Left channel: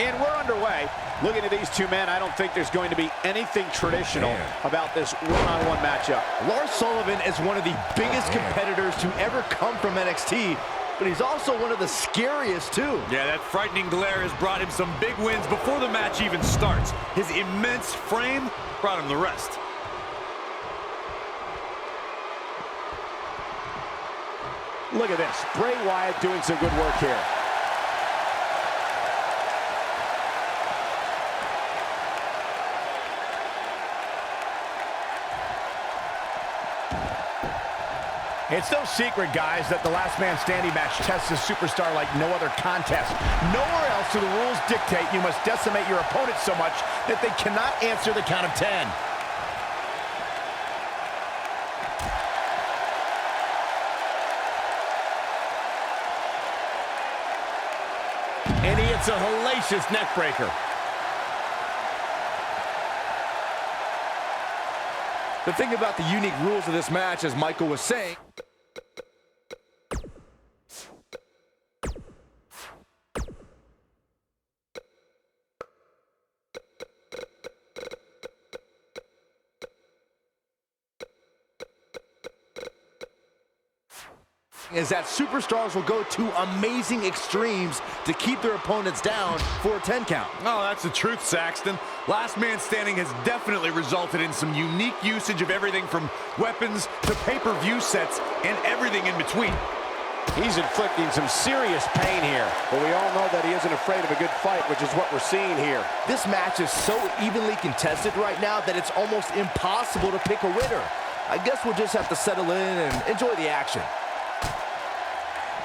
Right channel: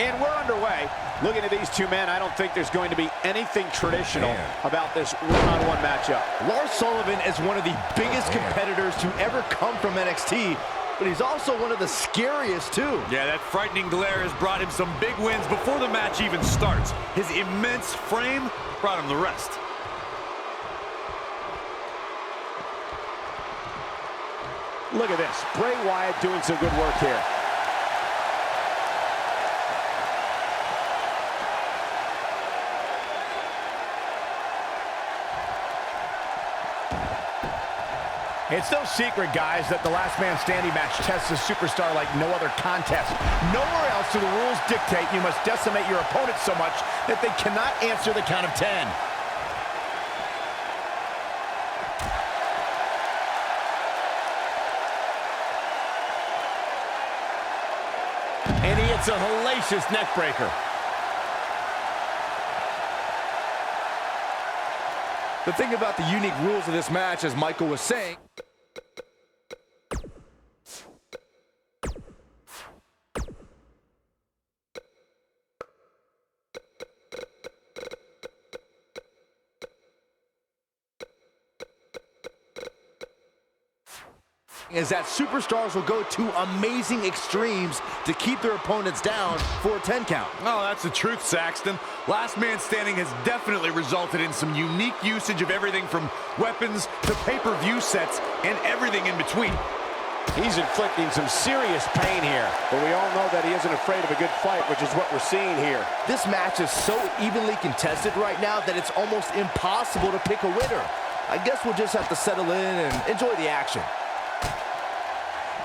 And we're underway. Looking at these two men, I don't think there's going to be anything traditional about this one-on-one matchup. Lars Sullivan is one of the biggest competitors to ever come from NXT, but he's also one of the scariest too. Yeah, that frightening glare has brought him some big wins before the match even starts. His immense frame brought him the rest. Look at this. Bray Wyatt doing some good work here. It's no secret, guys, that the last man standing match tests a superstar like no other contest. Nowhere else do the rules dictate you must decimate your opponent so much that they cannot answer the count of 10. And he hits a hellacious neck breaker. The thing about the unique rules of this match, as Michael was saying, is that superstars will go to amazing extremes to keep their opponents down for a 10 count. Oh, that's the truth, Saxton. Last man standing has definitely resulted in some unique usage of everything from weapons to pay-per-view sets and everything in between. He's inflicting some serious pain here, but we all know that he isn't afraid of a good fight, which is what we're seeing here. This match is so evenly contested right now that it's almost impossible to pick a winner. I guess we'll just have to settle in and enjoy the action.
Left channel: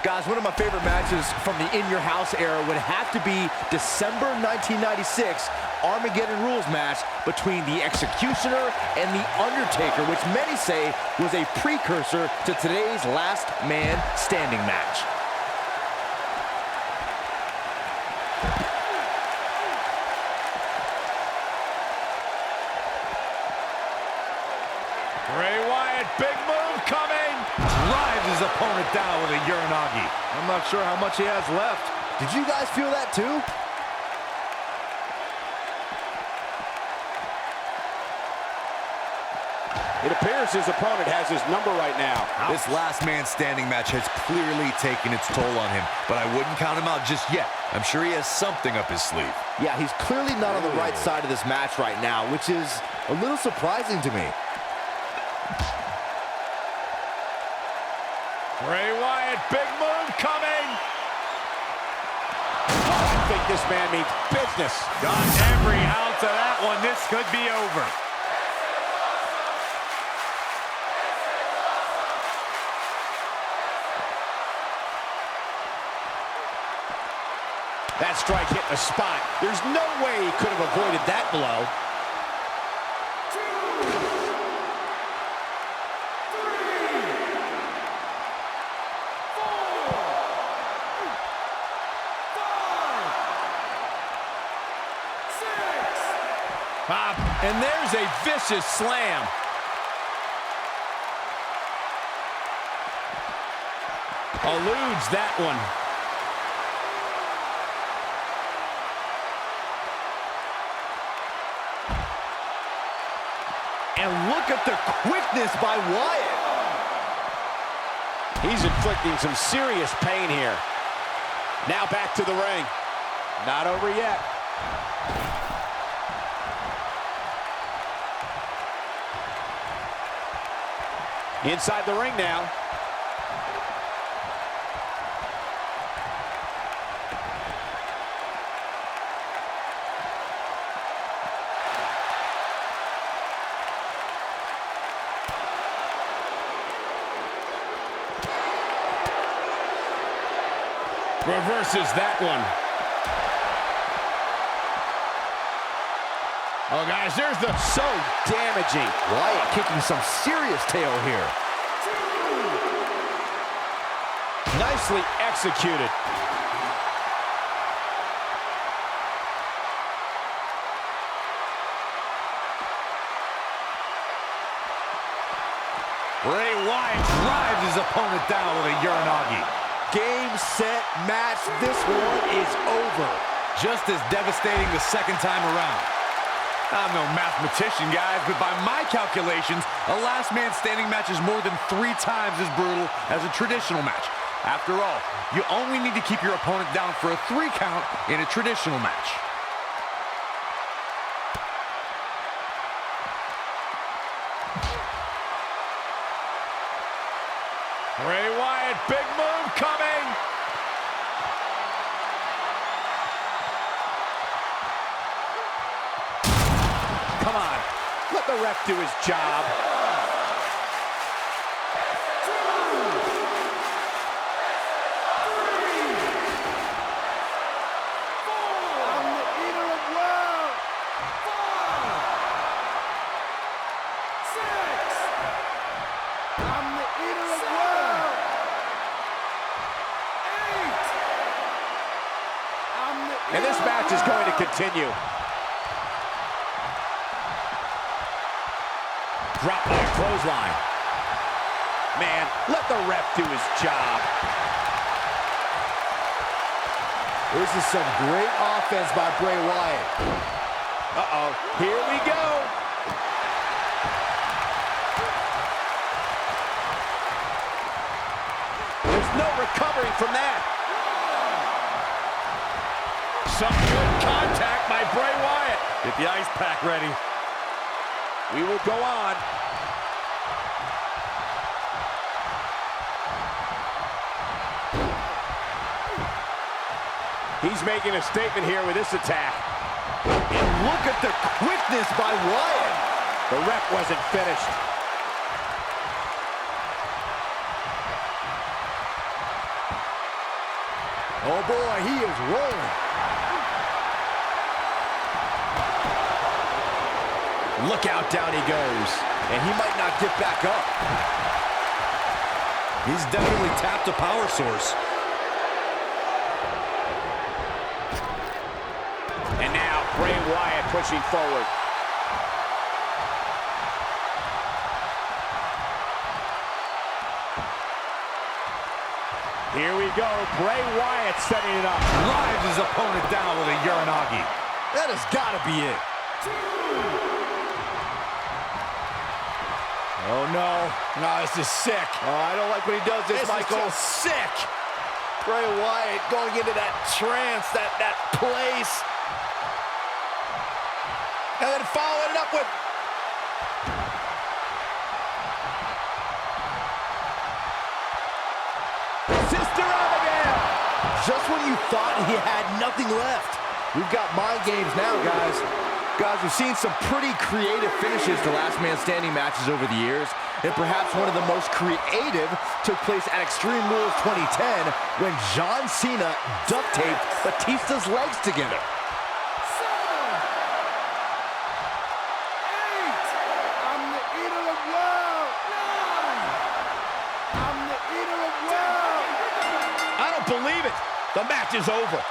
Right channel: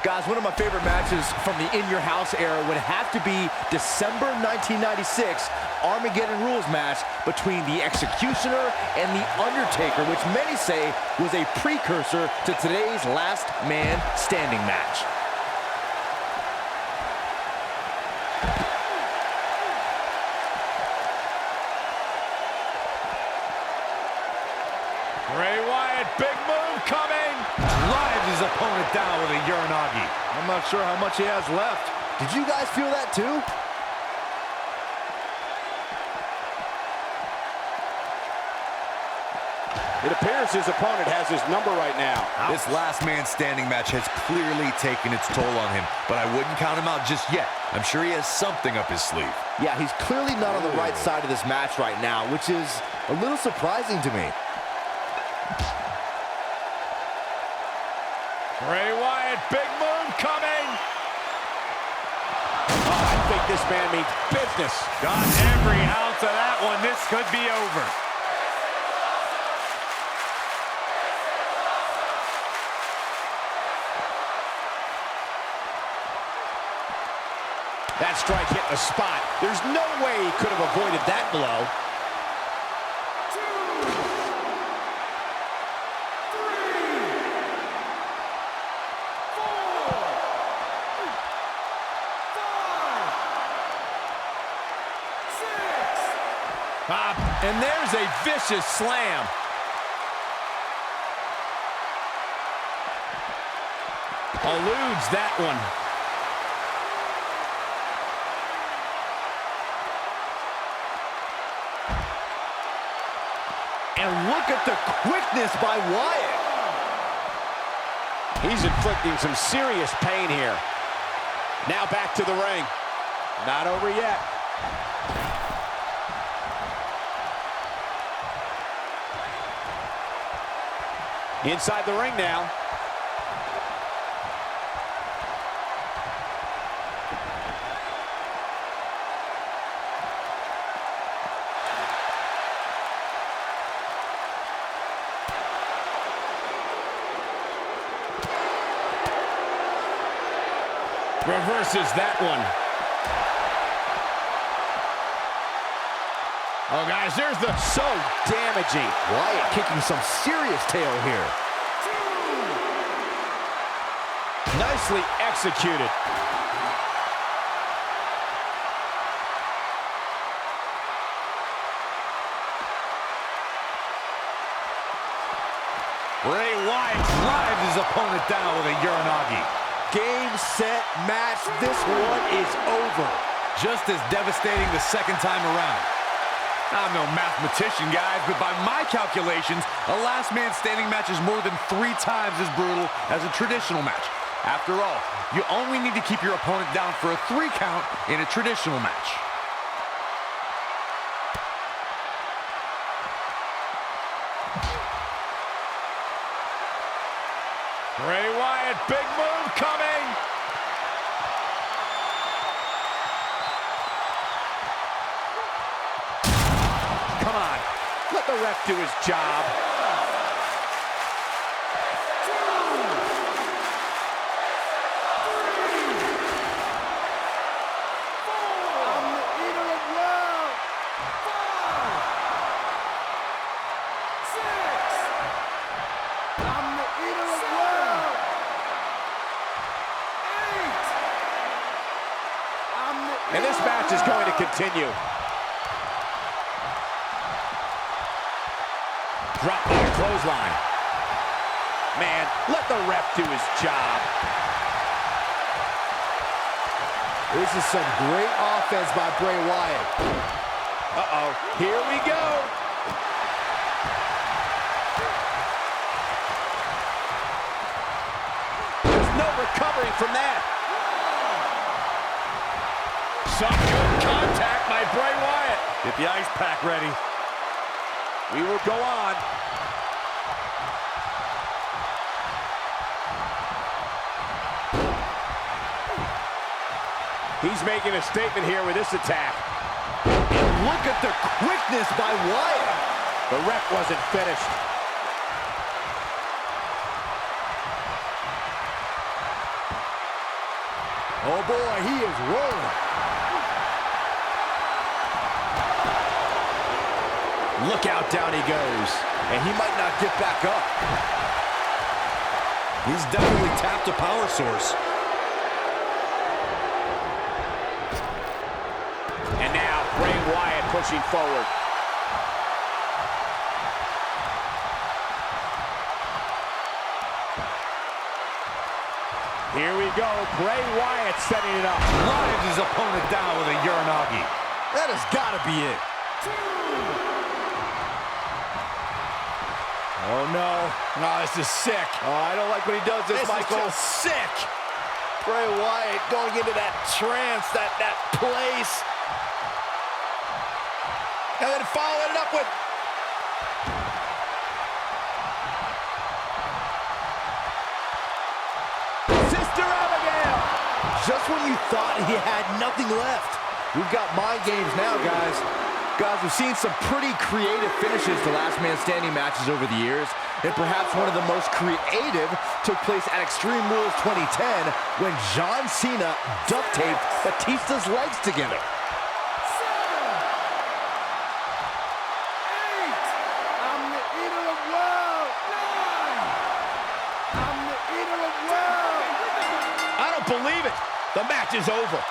Guys, one of my favorite matches from the In Your House era would have to be December 1996 Armageddon Rules match between the Executioner and the Undertaker, which many say was a precursor to today's Last Man Standing match. Bray Wyatt, big move coming. Drives his opponent down with a Uranagi. I'm not sure how much he has left. Did you guys feel that too? It appears his opponent has his number right now. This last man standing match has clearly taken its toll on him, but I wouldn't count him out just yet. I'm sure he has something up his sleeve. Yeah, he's clearly not on the right side of this match right now, which is a little surprising to me. Bray Wyatt, big move coming. Oh, I think this man means business. Got every ounce of that one. This could be over. That strike hit the spot. There's no way he could have avoided that blow. 2, 3, 4, 5, 6. And there's a vicious slam. Eludes that one. And look at the quickness by Wyatt. He's inflicting some serious pain here. Now back to the ring. Not over yet. Inside the ring now. Reverses that one. Oh, guys, there's the... So damaging. Wyatt kicking some serious tail here. 2. Nicely executed. Bray Wyatt drives his opponent down with a Uranagi. Game, set, match. This one is over. just as devastating the second time around. I'm no mathematician, guys, but by my calculations, a last man standing match is more than 3 times as brutal as a traditional match. After all, you only need to keep your opponent down for a 3 count in a traditional match. Bray Wyatt, big move coming. Come on, let the ref do his job. And this match is going to continue. Drop by a clothesline. Man, let the ref do his job. This is some great offense by Bray Wyatt. Uh-oh, here we go. There's no recovering from that. Some good contact by Bray Wyatt. Get the ice pack ready. We will go on. He's making a statement here with this attack. And look at the quickness by Wyatt. The ref wasn't finished. Oh boy, he is rolling. Look out, down he goes. And he might not get back up. He's definitely tapped a power source. And now Bray Wyatt pushing forward. Here we go, Bray Wyatt setting it up. Drives his opponent down with a Uranagi. That has got to be it. Oh, no. No, this is sick. Oh, I don't like when he does this, Michael. This is just sick. Bray Wyatt going into that trance, that place. And then following it up with... Sister Abigail! Just when you thought he had nothing left. We've got mind games now, guys. Guys, we've seen some pretty creative finishes to last man standing matches over the years, and perhaps one of the most creative took place at Extreme Rules 2010 when John Cena duct taped Batista's legs together. 7, 8, I'm the eater of world. 9, I'm the eater of world. I don't believe it. The match is over.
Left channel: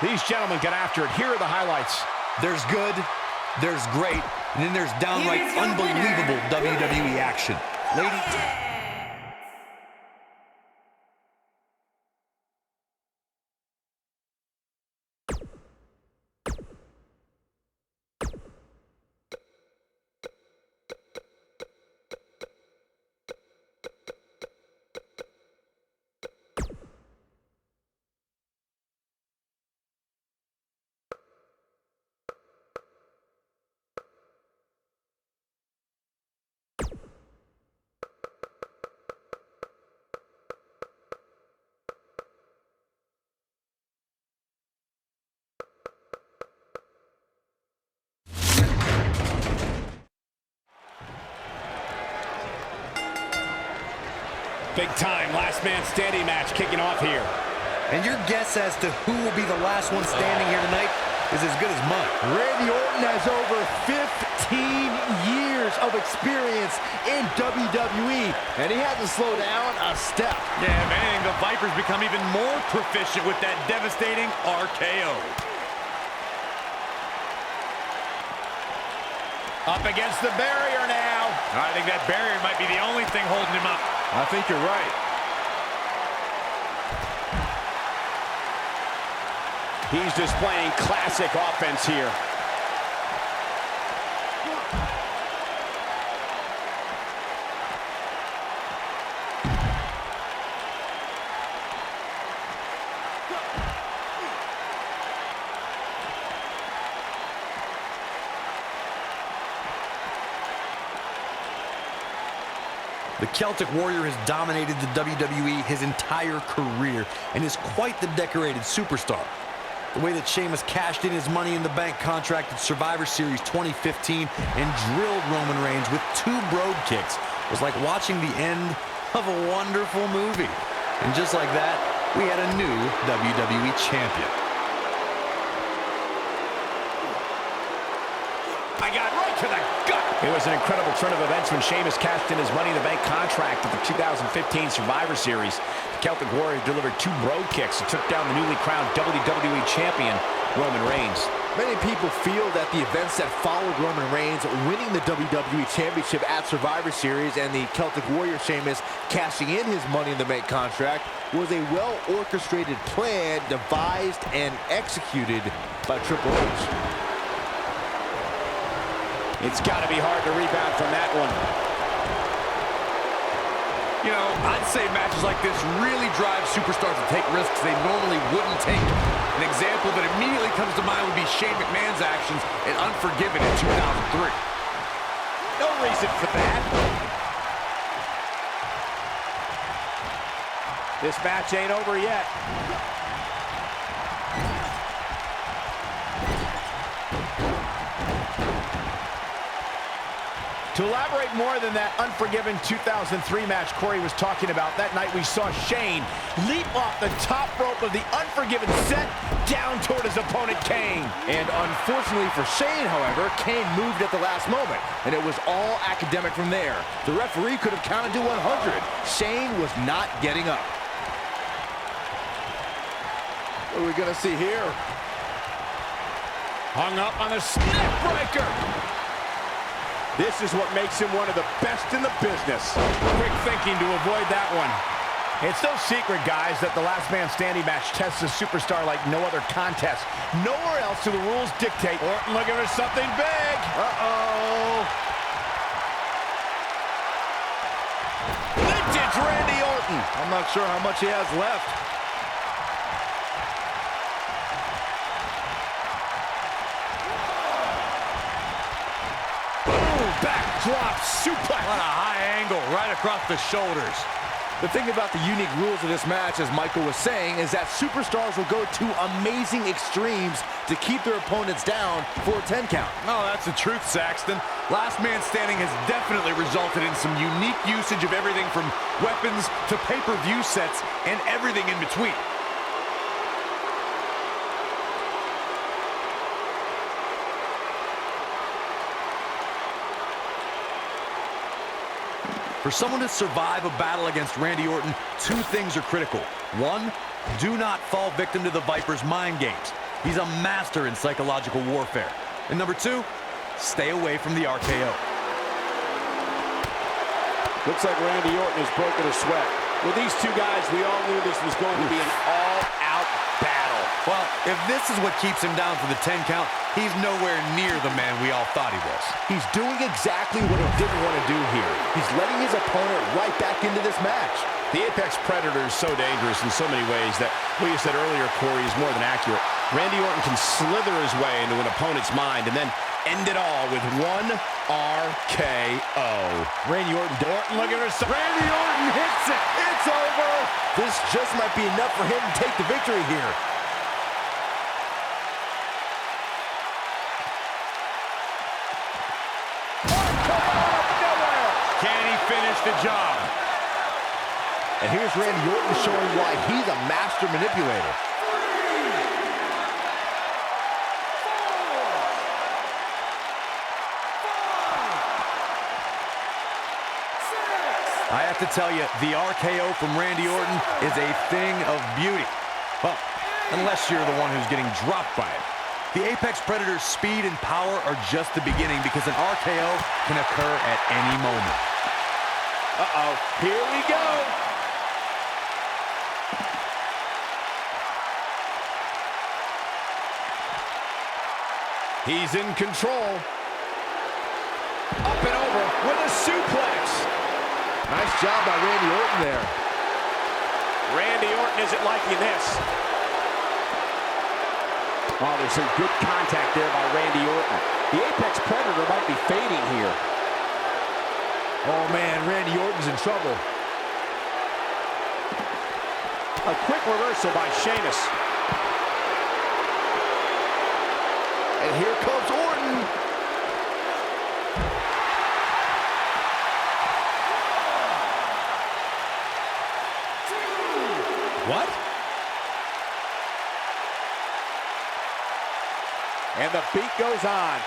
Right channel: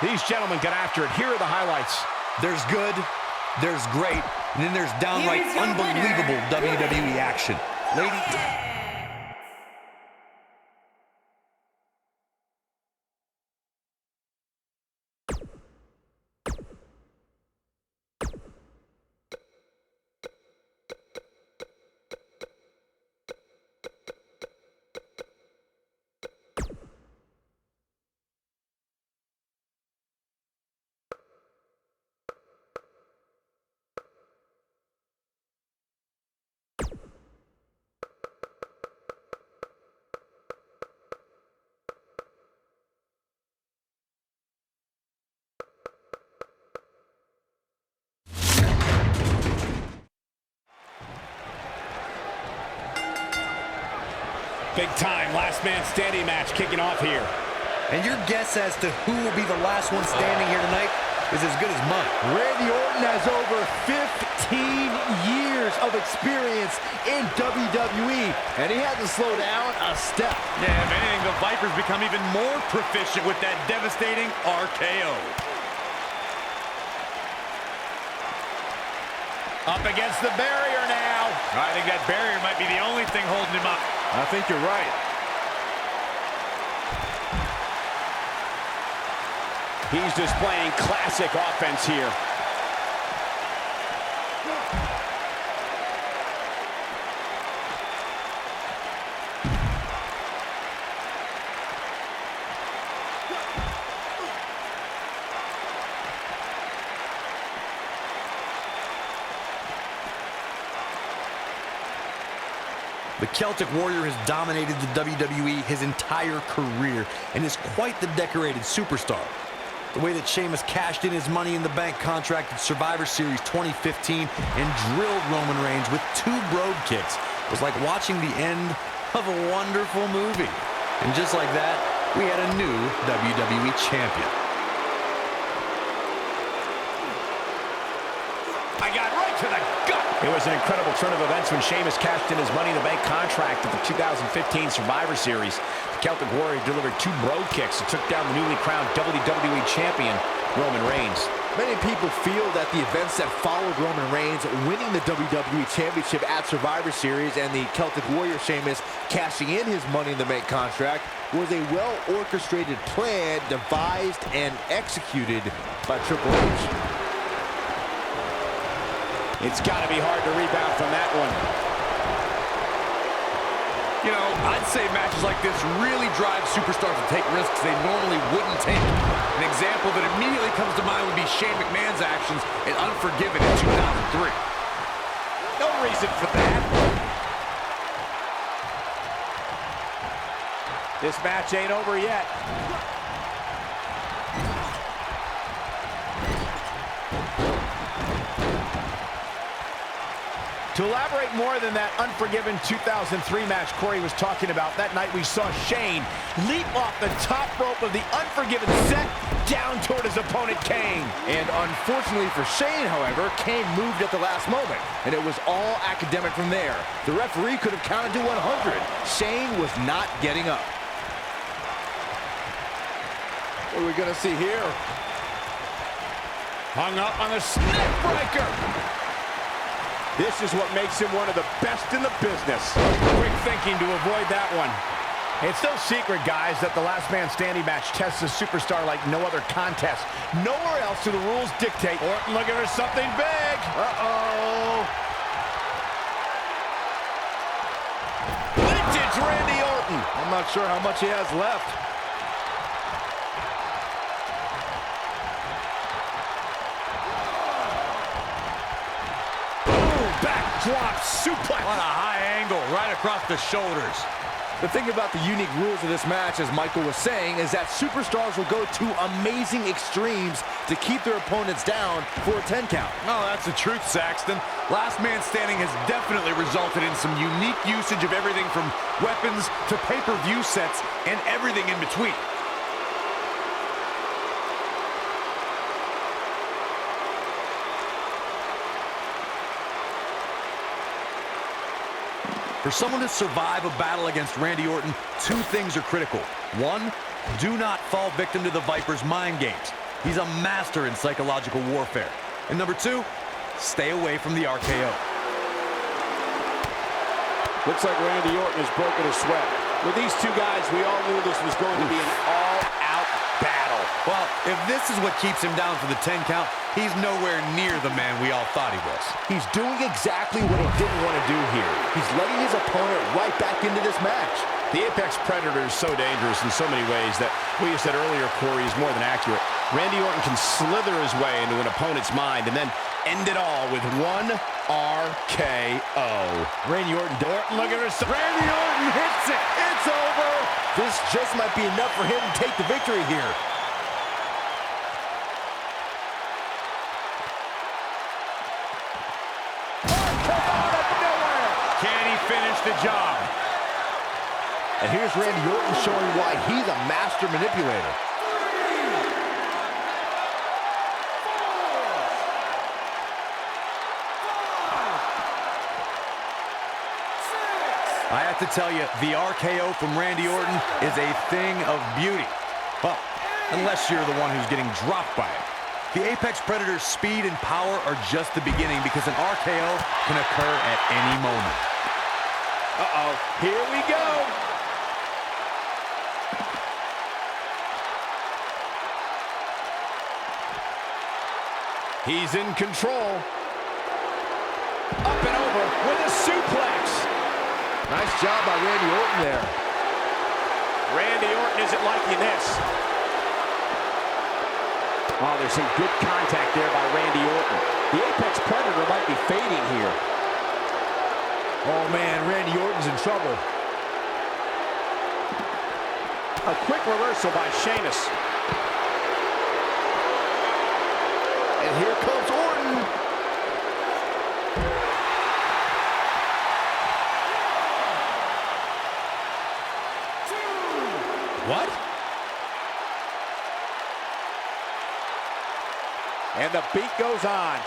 These gentlemen get after it. Here are the highlights. There's good, there's great, and then there's downright Here's your unbelievable winner, WWE action. Ladies... Big time last man standing match kicking off here. And your guess as to who will be the last one standing here tonight is as good as mine. Randy Orton has over 15 years of experience in WWE, and he hasn't slowed down a step. Yeah, if anything, the Vipers become even more proficient with that devastating RKO. Up against the barrier now. I think that barrier might be the only thing holding him up. I think you're right. He's displaying classic offense here. The Celtic Warrior has dominated the WWE his entire career and is quite the decorated superstar. The way that Sheamus cashed in his Money in the Bank contract at Survivor Series 2015 and drilled Roman Reigns with 2 brogue kicks was like watching the end of a wonderful movie. And just like that, we had a new WWE champion. I got right to the gut. It was an incredible turn of events when Sheamus cashed in his Money in the Bank contract at the 2015 Survivor Series. The Celtic Warrior delivered 2 brogue kicks and took down the newly crowned WWE champion, Roman Reigns. Many people feel that the events that followed Roman Reigns winning the WWE Championship at Survivor Series and the Celtic Warrior Sheamus cashing in his Money in the Bank contract was a well-orchestrated plan devised and executed by Triple H. It's got to be hard to rebound from that one. You know, I'd say matches like this really drive superstars to take risks they normally wouldn't take. An example that immediately comes to mind would be Shane McMahon's actions in Unforgiven in 2003. No reason for that. This match ain't over yet. To elaborate more than that Unforgiven 2003 match Corey was talking about, that night we saw Shane leap off the top rope of the Unforgiven set down toward his opponent, Kane. And unfortunately for Shane, however, Kane moved at the last moment, and it was all academic from there. The referee could have counted to 100. Shane was not getting up. What are we going to see here? Hung up on the neck breaker. This is what makes him one of the best in the business. Quick thinking to avoid that one. It's no secret, guys, that the last man standing match tests a superstar like no other contest. Nowhere else do the rules dictate. Orton looking for something big. Uh-oh. Vintage Randy Orton. I'm not sure how much he has left. Backdrop suplex. What a high angle right across the shoulders. The thing about the unique rules of this match, as Michael was saying, is that superstars will go to amazing extremes to keep their opponents down for a 10 count. No, that's the truth, Saxton. Last Man Standing has definitely resulted in some unique usage of everything from weapons to pay-per-view sets and everything in between. For someone to survive a battle against Randy Orton, 2 things are critical. 1, do not fall victim to the Viper's mind games. He's a master in psychological warfare. And number 2, stay away from the RKO. Looks like Randy Orton has broken a sweat. With these 2 guys, we all knew this was going to be an all-out battle. Well, if this is what keeps him down for the 10 count, he's nowhere near the man we all thought he was. He's doing exactly what he didn't want to do here. He's letting his opponent right back into this match. The Apex Predator is so dangerous in so many ways that what you said earlier, Corey, is more than accurate. Randy Orton can slither his way into an opponent's mind and then end it all with 1 RKO. Randy Orton looking for some. Randy Orton hits it. It's over. This just might be enough for him to take the victory here. Can he finish the job? And here's Randy Orton showing why he's a master manipulator. 3, 4, 5, 6. I have to tell you, the RKO from Randy Orton is a thing of beauty. Well, unless you're the one who's getting dropped by it. The Apex Predator's speed and power are just the beginning because an RKO can occur at any moment. Uh-oh, here we go. He's in control. Up and over with a suplex. Nice job by Randy Orton there. Randy Orton isn't liking this. Oh, there's some good contact there by Randy Orton. The Apex Predator might be fading here. Oh, man, Randy Orton's in trouble. A quick reversal by Sheamus. And here comes Orton. What? And the beat goes on.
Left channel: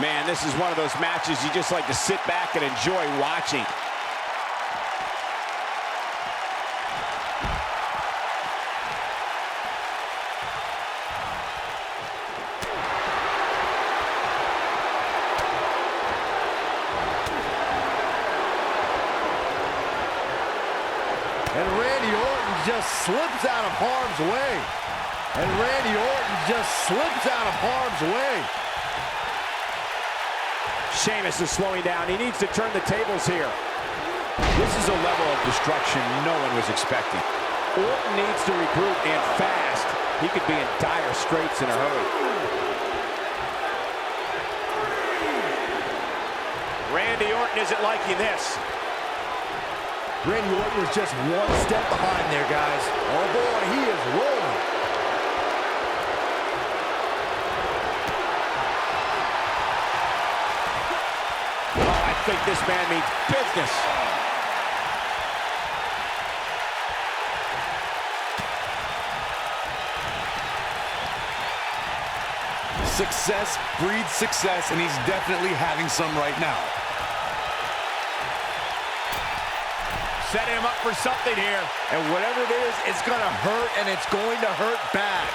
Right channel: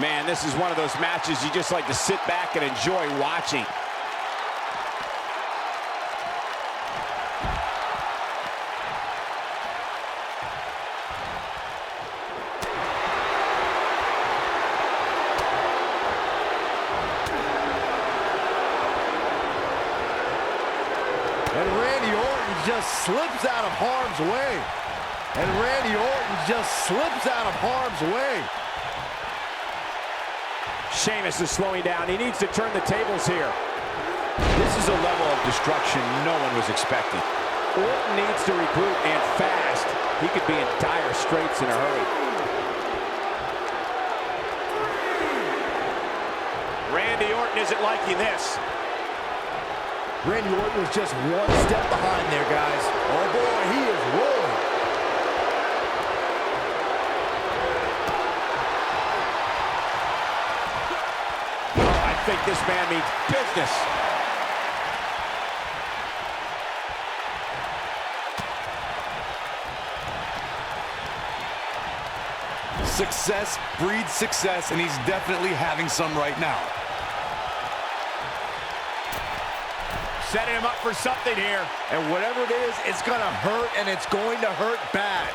Man, this is one of those matches you just like to sit back and enjoy watching. And Randy Orton just slips out of harm's way. And Randy Orton just slips out of harm's way. Sheamus is slowing down. He needs to turn the tables here. This is a level of destruction no one was expecting. Orton needs to regroup, and fast. He could be in dire straits in a hurry. Randy Orton isn't liking this. Randy Orton was just one step behind there, guys. Oh boy, he is rolling. Oh, I think this man means business. Success breeds success, and he's definitely having some right now. Setting him up for something here. And whatever it is, it's gonna hurt, and it's going to hurt bad.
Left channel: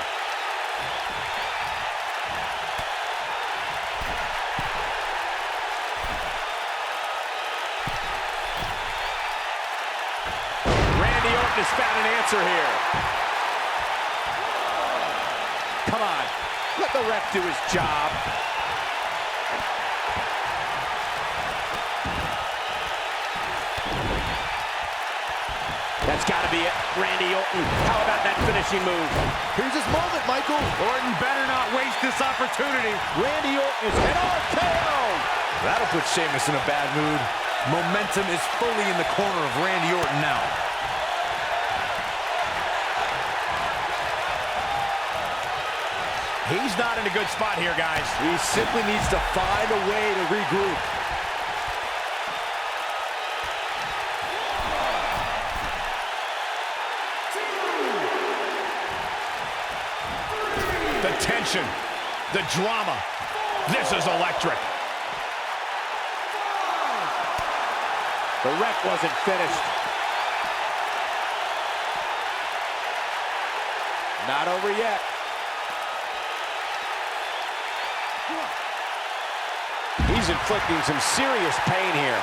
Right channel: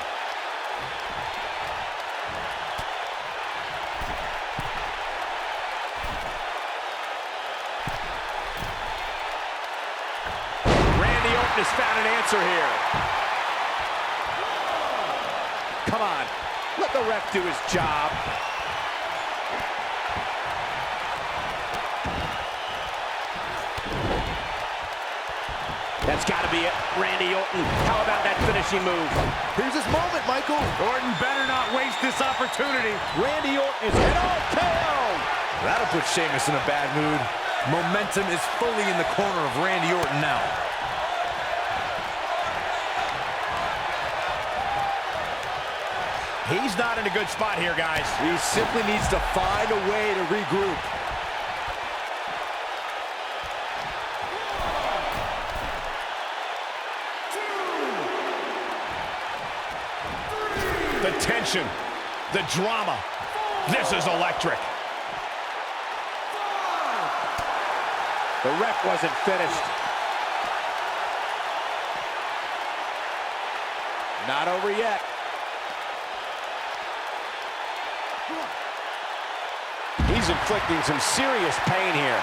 Randy Orton has found an answer here. Come on, let the ref do his job. That's got to be it. Randy Orton, how about that finishing move? Here's his moment, Michael. Orton better not waste this opportunity. Randy Orton is an RKO. That'll put Sheamus in a bad mood. Momentum is fully in the corner of Randy Orton now. He's not in a good spot here, guys. He simply needs to find a way to regroup. The tension, the drama. This is electric. The ref wasn't finished. Not over yet. He's inflicting some serious pain here.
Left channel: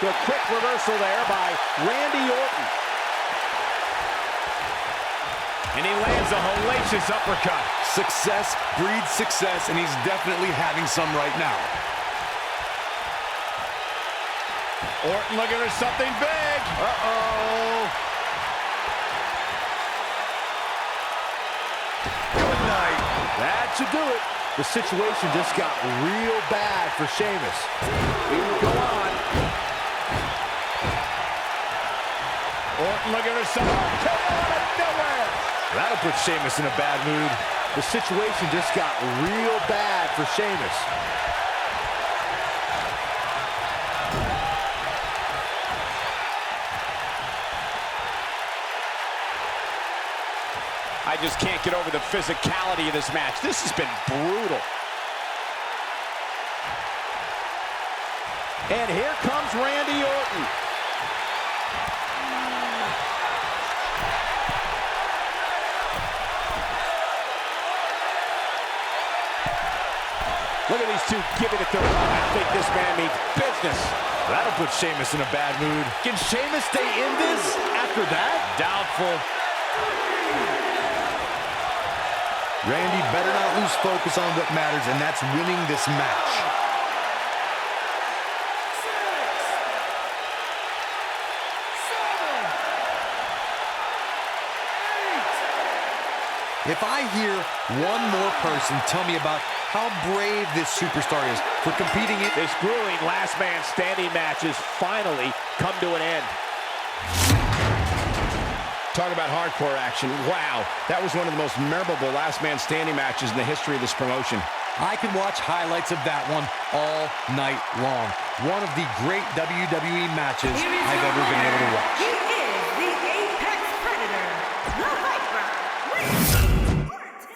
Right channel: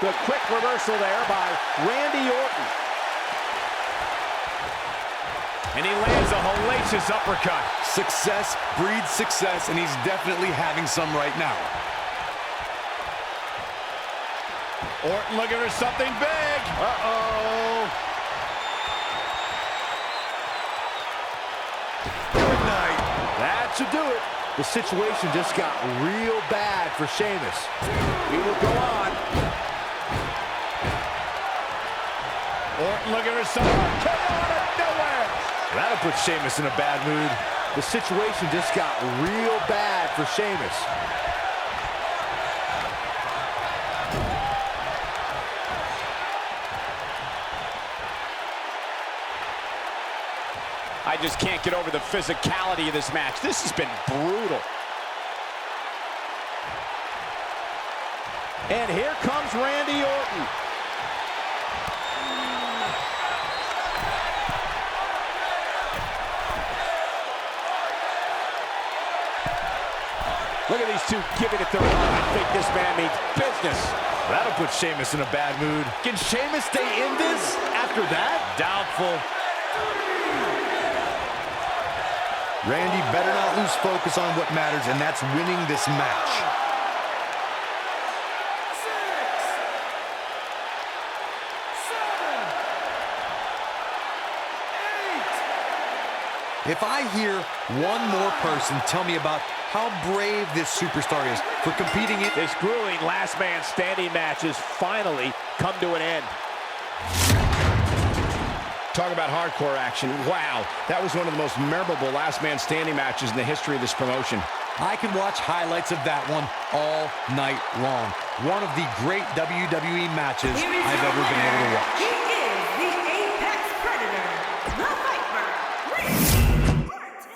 The quick reversal there by Randy Orton. And he lands a hellacious uppercut. Success breeds success, and he's definitely having some right now. Orton looking for something big. Uh-oh. Good night. That should do it. The situation just got real bad for Sheamus. We will go on. Orton looking for something. RKO out of nowhere. That'll put Sheamus in a bad mood. The situation just got real bad for Sheamus. I just can't get over the physicality of this match. This has been brutal. And here comes Randy Orton. Look at these two giving it their all. I think this man means business. That'll put Sheamus in a bad mood. Can Sheamus stay in this after that? Doubtful. Randy better not lose focus on what matters, and that's winning this match. 6, 7, 8. If I hear one more person tell me about how brave this superstar is for competing in... This grueling last man standing match has finally come to an end. Talk about hardcore action. Wow, that was one of the most memorable last man standing matches in the history of this promotion. I could watch highlights of that one all night long. One of the great WWE matches I've ever been able to watch. He is the Apex Predator, the Viper, Randy Orton.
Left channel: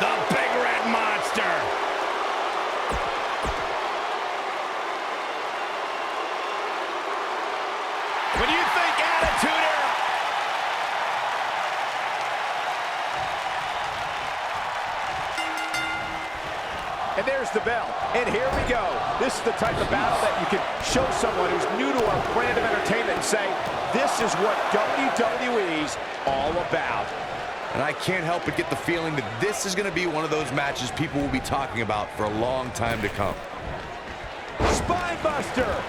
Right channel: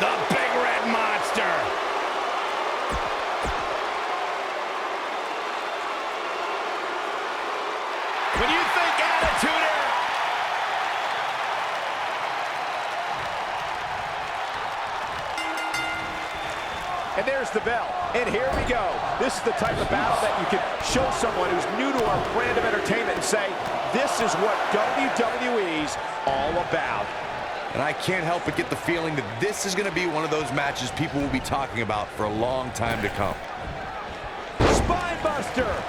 The Big Red Monster. When you think Attitude Era. And there's the bell. And here we go. This is the type of battle that you can show someone who's new to our brand of entertainment and say, this is what WWE's all about. And I can't help but get the feeling that this is going to be one of those matches people will be talking about for a long time to come. Spine Buster.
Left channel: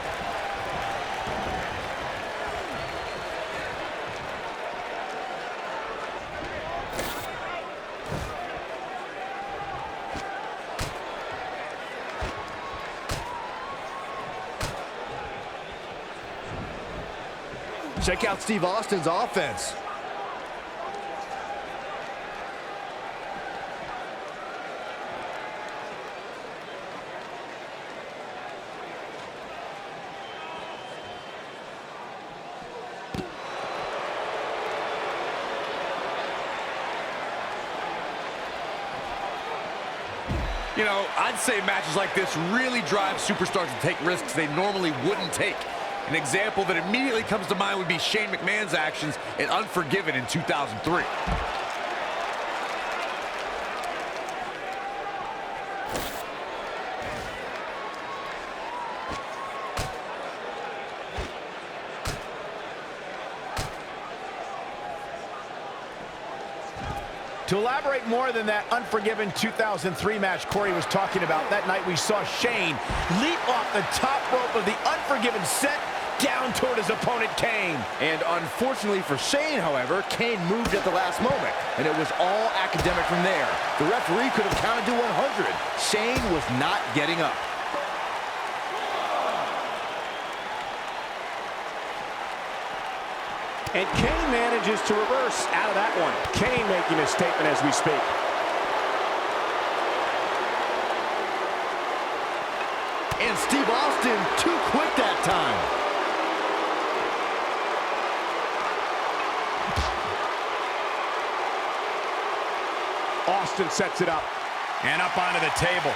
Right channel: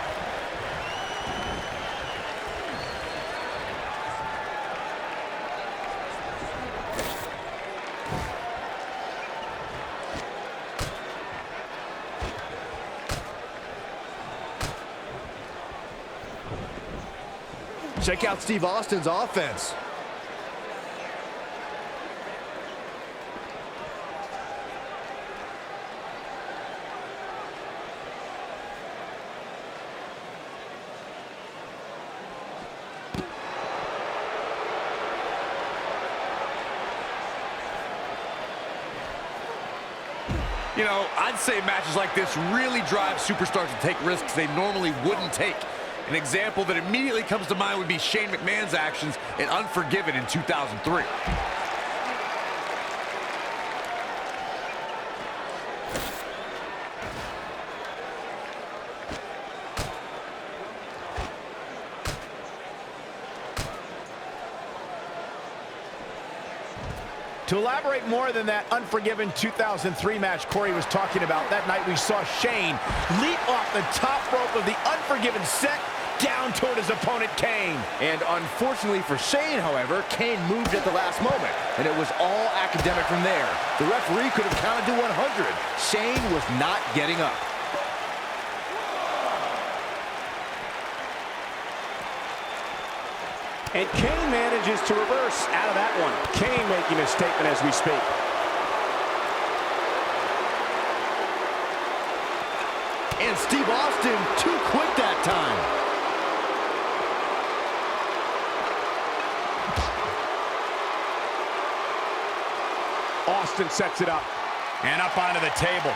Check out Steve Austin's offense. You know, I'd say matches like this really drive superstars to take risks they normally wouldn't take. An example that immediately comes to mind would be Shane McMahon's actions in Unforgiven in 2003. To elaborate more than that Unforgiven 2003 match Corey was talking about, that night we saw Shane leap off the top rope of the Unforgiven set down toward his opponent, Kane. And unfortunately for Shane, however, Kane moved at the last moment, and it was all academic from there. The referee could have counted to 100. Shane was not getting up. And Kane manages to reverse out of that one. Kane making a statement as we speak. And Steve Austin too quick that time. Austin sets it up. And up onto the table.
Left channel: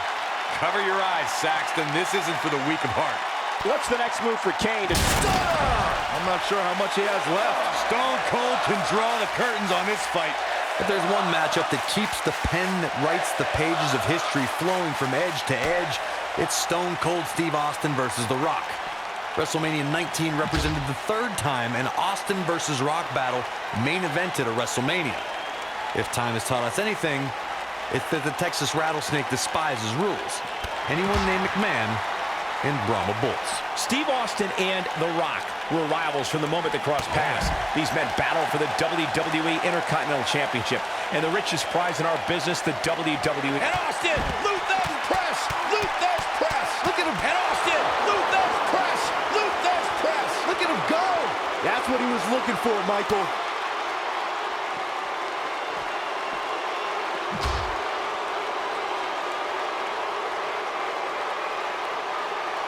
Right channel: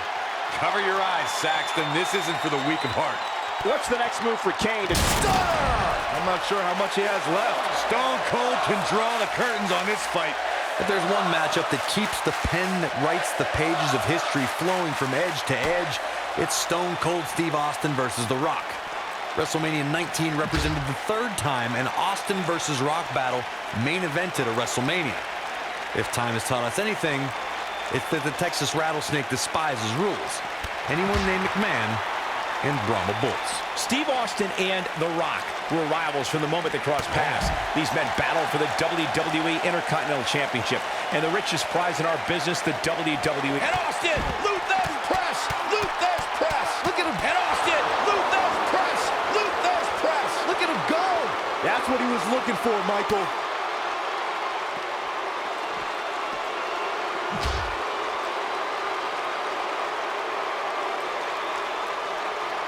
Cover your eyes, Saxton. This isn't for the weak of heart. What's the next move for Kane? I'm not sure how much he has left. Stone Cold can draw the curtains on this fight. If there's one matchup that keeps the pen that writes the pages of history flowing from edge to edge, it's Stone Cold Steve Austin versus The Rock. WrestleMania 19 represented the third time an Austin versus Rock battle main evented a WrestleMania. If time has taught us anything, it's that the Texas Rattlesnake despises rules. Anyone named McMahon and Brahma Bulls. Steve Austin and The Rock were rivals from the moment they crossed paths. These men battled for the WWE Intercontinental Championship and the richest prize in our business, the WWE. And Austin, Luther's press, Luther's press. Look at him. And Austin, Luther's press, Luther's press. That's what he was looking for, Michael.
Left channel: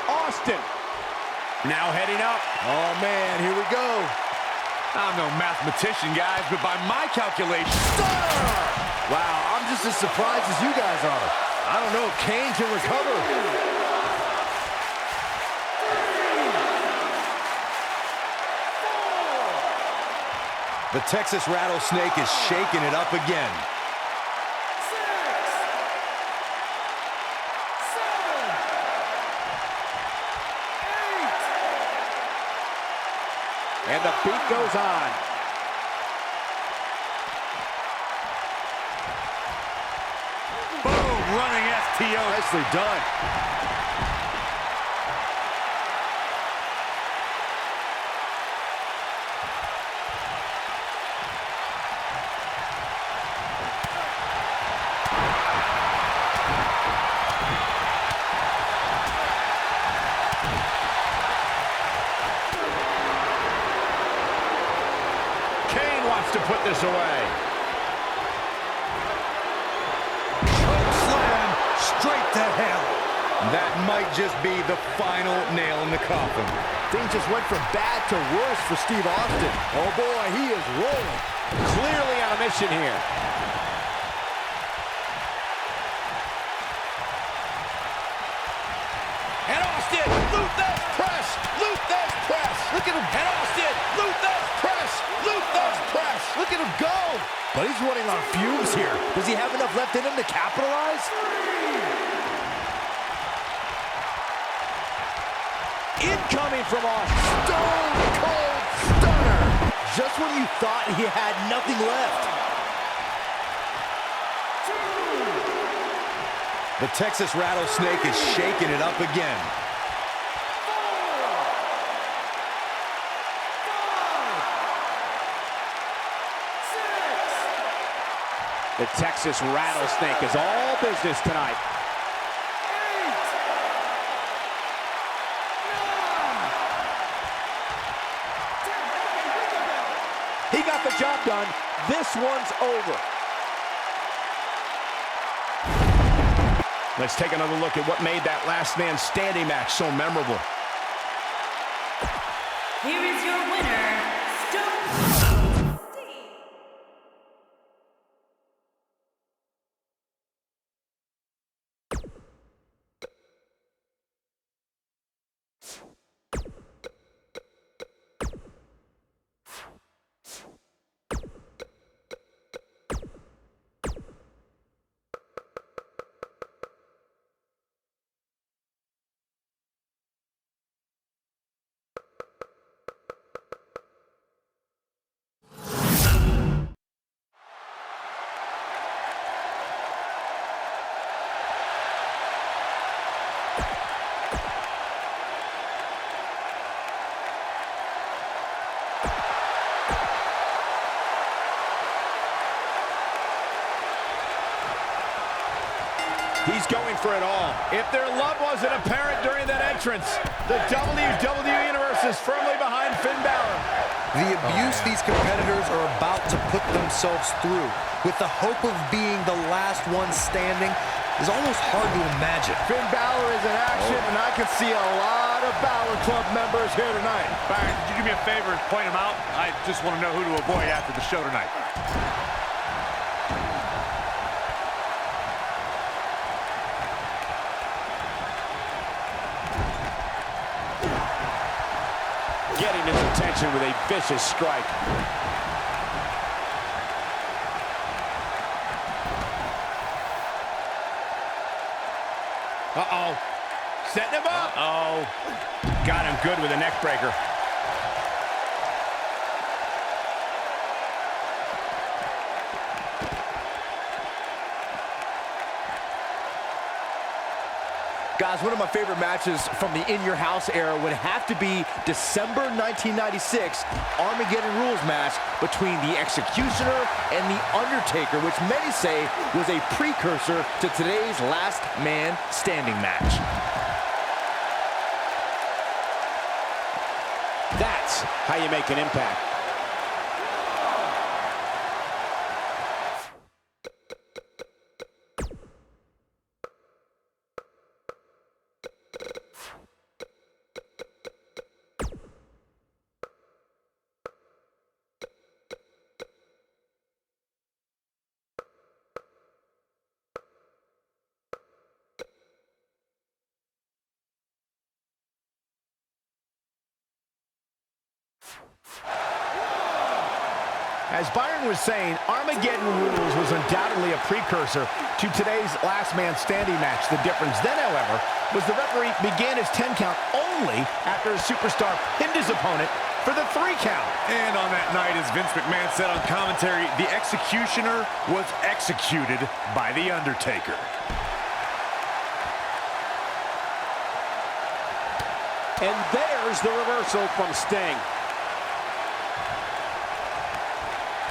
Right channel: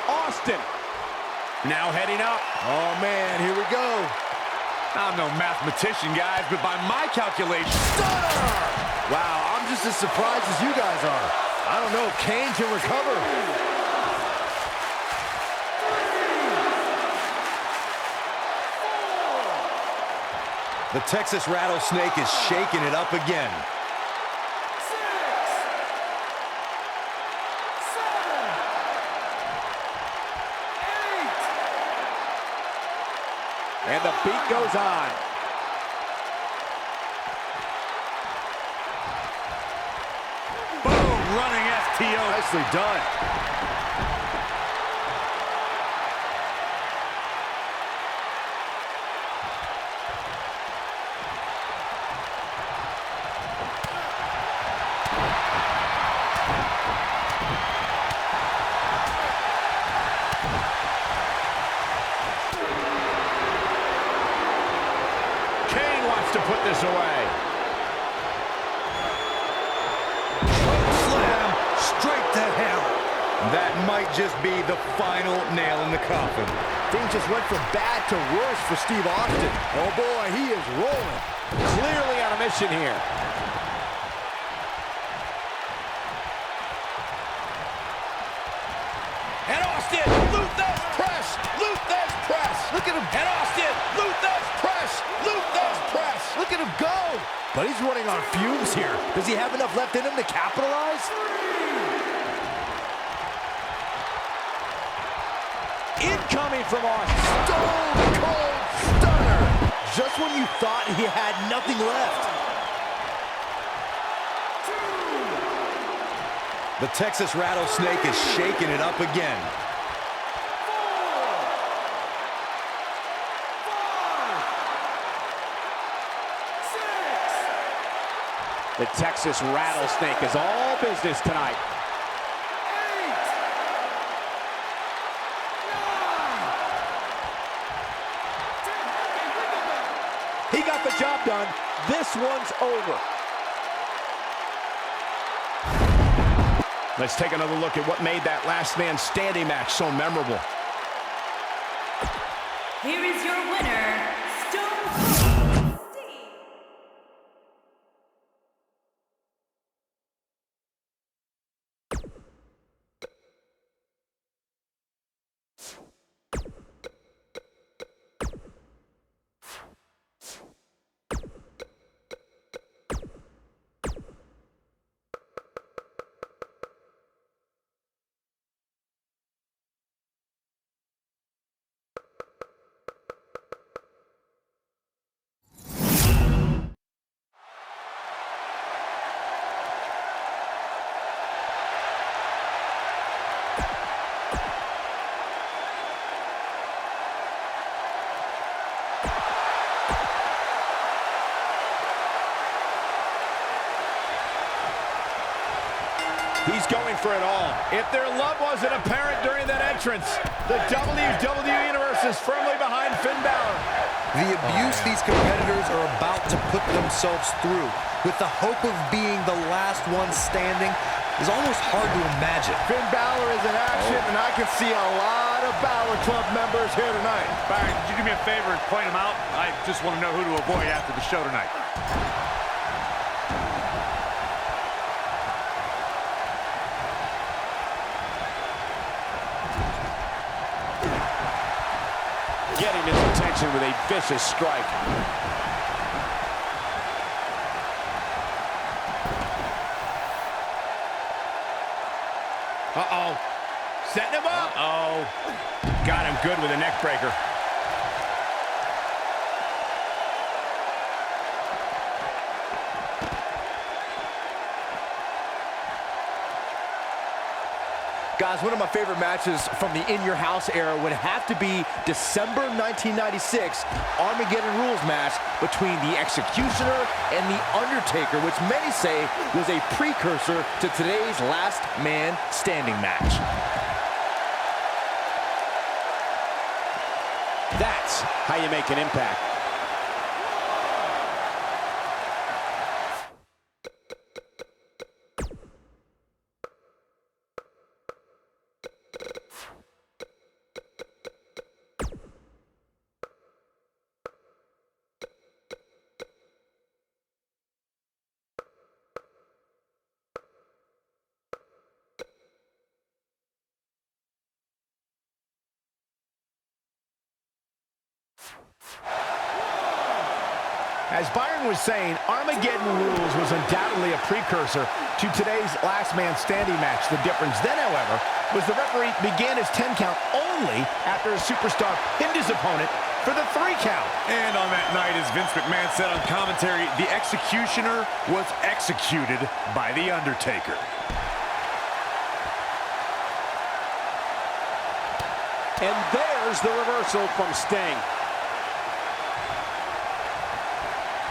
Austin. Now heading up. Oh, man, here we go. I'm no mathematician, guys, but by my calculations... Stunner! Wow, I'm just as surprised as you guys are. I don't know if Kane can recover. The Texas Rattlesnake is shaking it up again. 6, 7, 8. And the beat goes on. Boom! Running STO. Nicely done. Kane wants to put this away. Choke slam straight to hell. That might just be the final nail in the coffin. Things just went from bad to worse for Steve Austin. Oh, boy, he is rolling. Clearly on a mission here. And Austin, Luther's press, Luther's press. Look at him. And Austin, Luther's press, Luther's press. Look at him go. But he's running on fumes here. Does he have enough left in him to capitalize? Incoming from Austin. Stone Cold Stunner. Just when you thought he had nothing left. The Texas Rattlesnake is shaking it up again. 4, 5, 6. The Texas Rattlesnake is all business tonight. 8, 9, 10. Okay, ring the bell. He got the job done. This one's over. Let's take another look at what made that last man standing match so memorable. Here is your winner, Stone Cold Steve. He's going for it all. If their love wasn't apparent during that entrance, the WWE Universe is firmly behind Finn Balor. The abuse these competitors are about to put themselves through with the hope of being the last one standing is almost hard to imagine. Finn Balor is in action, and I can see a lot of Balor Club members here tonight. Byron, could you do me a favor and point them out? I just want to know who to avoid after the show tonight. Getting his attention with a vicious strike. Uh-oh. Setting him up. Uh-oh. Got him good with a neck breaker. Guys, one of my favorite matches from the In Your House era would have to be December 1996 Armageddon Rules match between the Executioner and the Undertaker, which many say was a precursor to today's Last Man Standing match. That's how you make an impact. As Byron was saying, Armageddon Rules was undoubtedly a precursor to today's last man standing match. The difference then, however, was the referee began his 10 count only after a superstar pinned his opponent for the 3 count. And on that night, as Vince McMahon said on commentary, the executioner was executed by The Undertaker. And there's the reversal from Sting.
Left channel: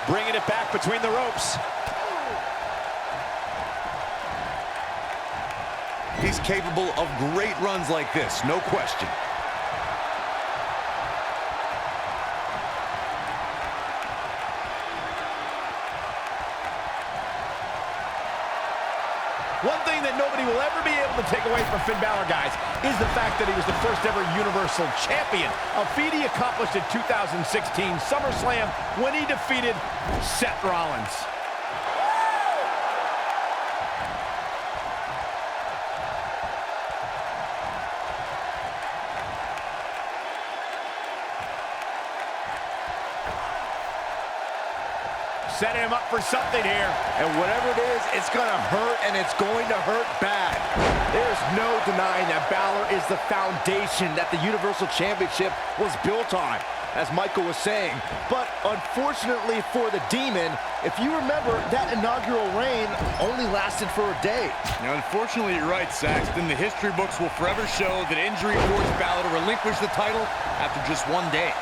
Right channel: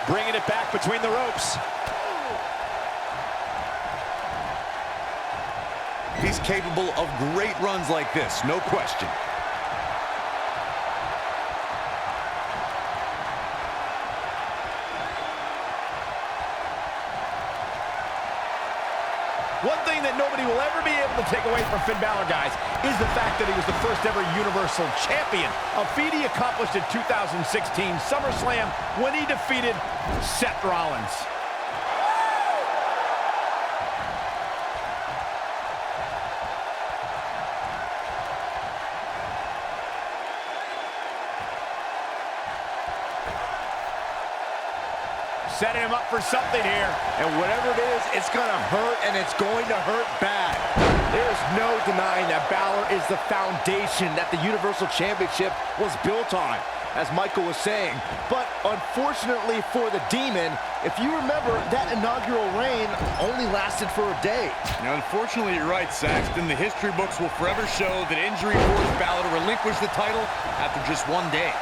Bringing it back between the ropes. He's capable of great runs like this, no question. One thing that nobody will ever be able to take away from Finn Balor, guys, is the fact that he was the first ever Universal Champion, a feat he accomplished in 2016 SummerSlam when he defeated Seth Rollins. Setting him up for something here. And whatever it is, it's going to hurt, and it's going to hurt bad. There's no denying that Balor is the foundation that the Universal Championship was built on, as Michael was saying. But unfortunately for the Demon, if you remember, that inaugural reign only lasted for a day. Now, unfortunately, you're right, Saxton. The history books will forever show that injury forced Balor to relinquish the title after just 1 day.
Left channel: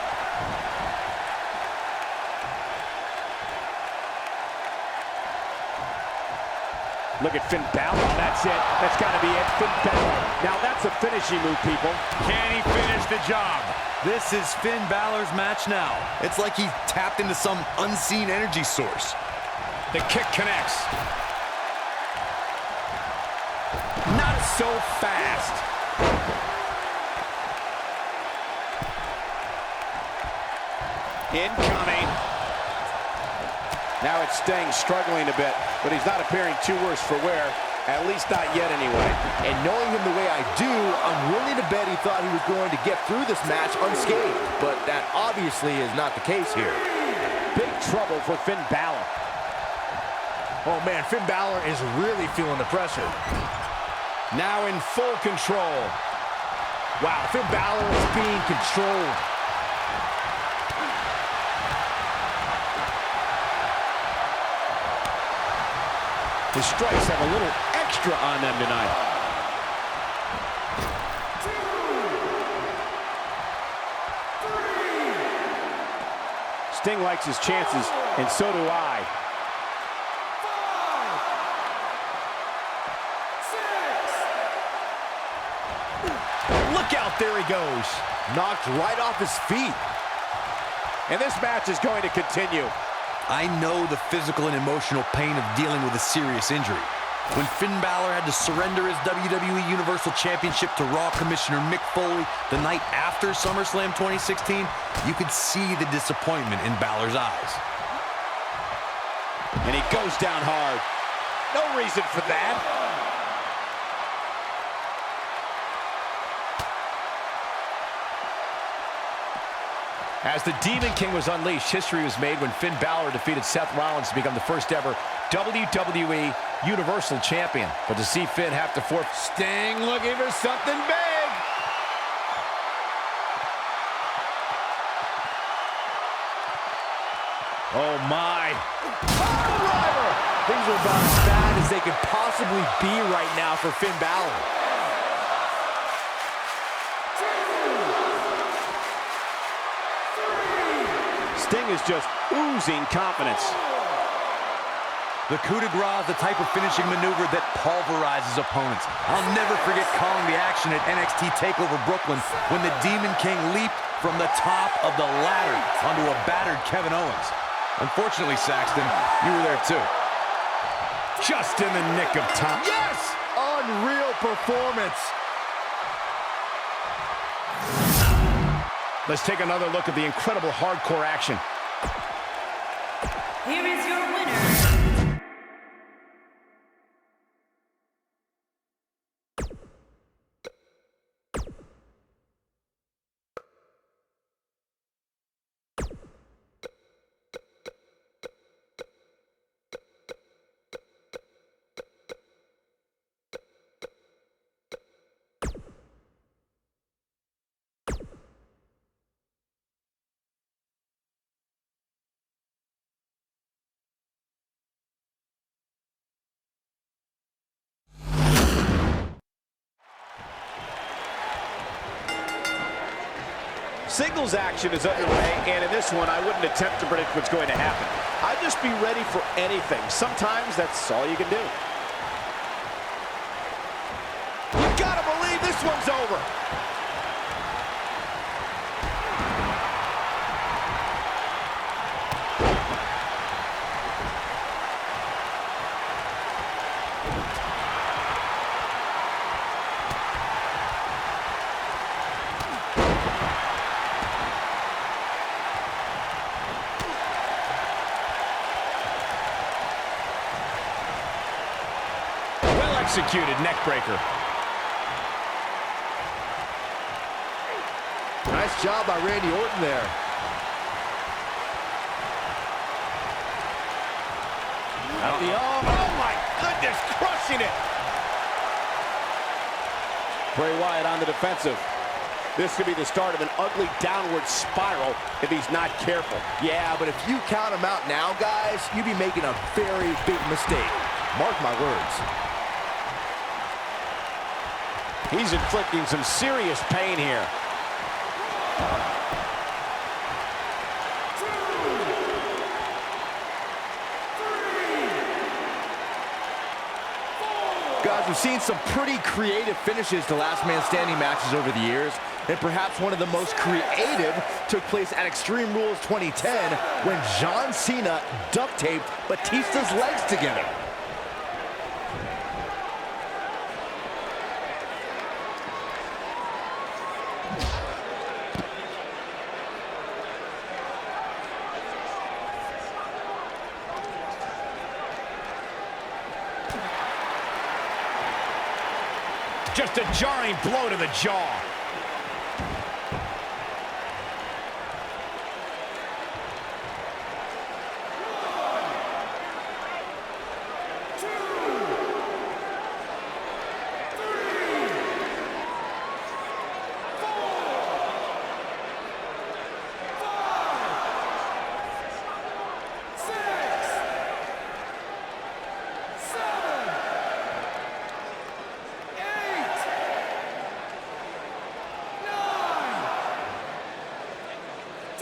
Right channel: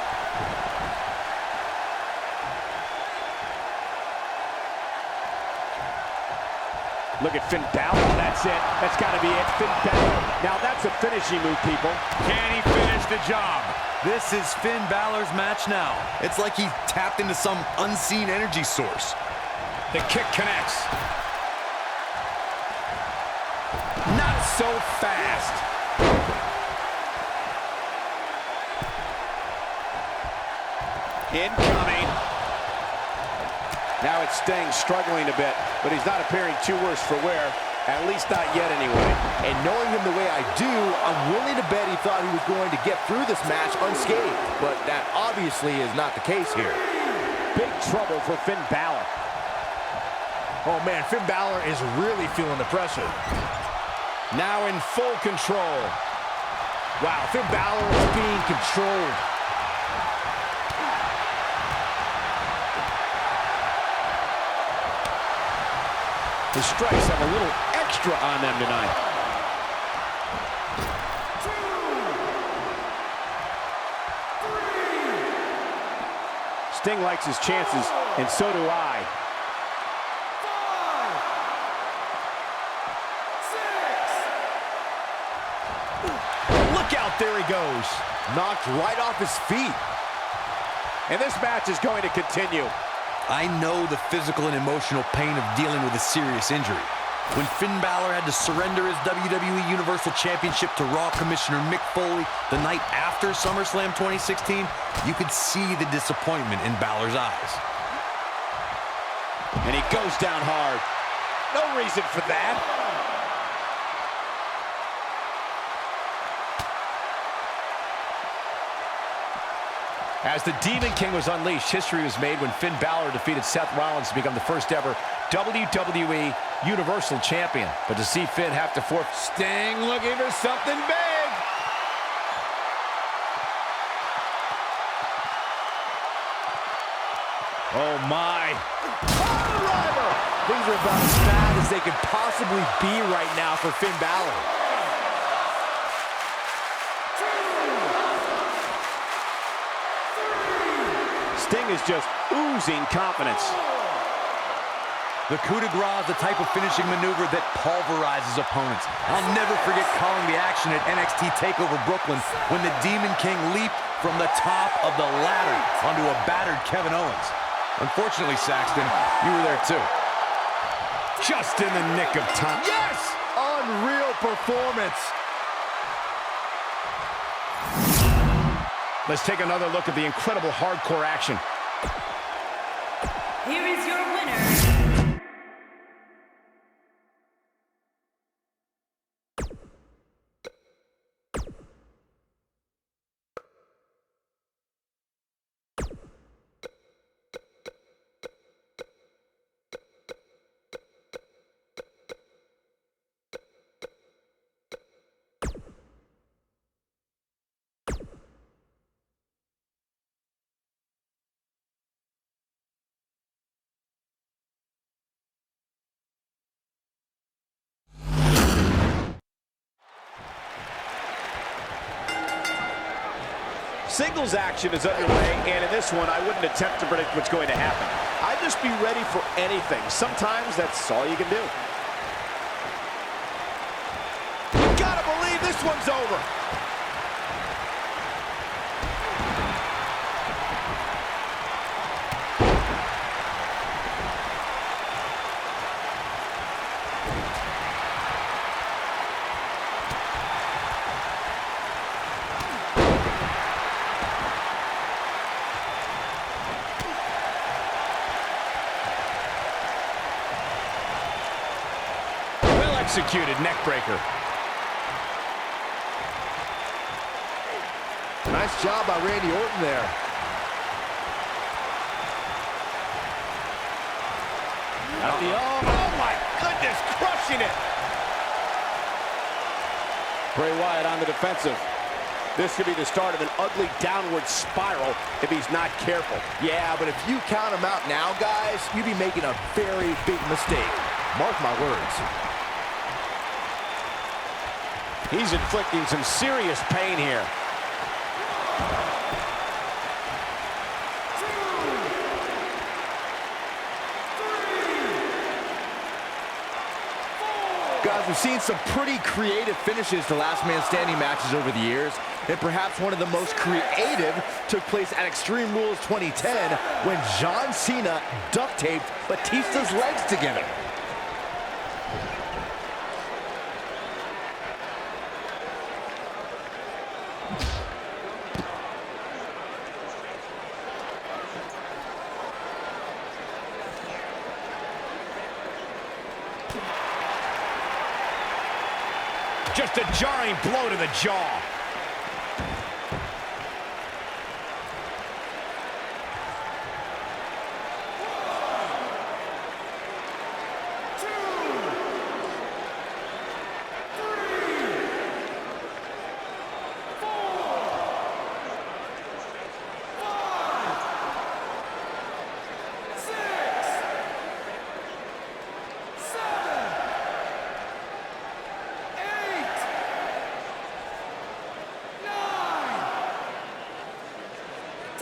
Look at Finn Balor. Oh, that's it. That's got to be it. Finn Balor. Now that's a finishing move, people. Can he finish the job? This is Finn Balor's match now. It's like he tapped into some unseen energy source. The kick connects. Not so fast. Incoming. Now it's Sting struggling a bit, but he's not appearing too worse for wear, at least not yet anyway. And knowing him the way I do, I'm willing to bet he thought he was going to get through this match unscathed, but that obviously is not the case here. Big trouble for Finn Balor. Oh man, Finn Balor is really feeling the pressure. Now in full control. Wow, Finn Balor is being controlled. The strikes have a little extra on them tonight. 2, 3, Sting likes his chances, and so do I. 5, 6. Look out, there he goes. Knocked right off his feet. And this match is going to continue. I know the physical and emotional pain of dealing with a serious injury. When Finn Balor had to surrender his WWE Universal Championship to Raw Commissioner Mick Foley the night after SummerSlam 2016, you could see the disappointment in Balor's eyes. And he goes down hard. No reason for that. As the Demon King was unleashed, history was made when Finn Balor defeated Seth Rollins to become the first ever WWE Universal Champion. But to see Finn have to forfeit. Sting looking for something big. Oh my. Pile driver! Things are about as bad as they could possibly be right now for Finn Balor. Sting is just oozing confidence. The coup de grace is the type of finishing maneuver that pulverizes opponents. I'll never forget calling the action at NXT TakeOver Brooklyn when the Demon King leaped from the top of the ladder onto a battered Kevin Owens. Unfortunately, Saxton, you were there too. Just in the nick of time. Yes! Unreal performance. Let's take another look at the incredible hardcore action. Here is your winner. Singles action is underway, and in this one, I wouldn't attempt to predict what's going to happen. I'd just be ready for anything. Sometimes that's all you can do. You gotta believe this one's over. Executed neck breaker. Nice job by Randy Orton there. At the oh my goodness, crushing it. Bray Wyatt on the defensive. This could be the start of an ugly downward spiral if he's not careful. Yeah, but if you count him out now, guys, you'd be making a very big mistake. Mark my words. He's inflicting some serious pain here. Guys, we've seen some pretty creative finishes to Last Man Standing matches over the years, and perhaps one of the most creative took place at Extreme Rules 2010 when John Cena duct taped Batista's legs together. Just a jarring blow to the jaw.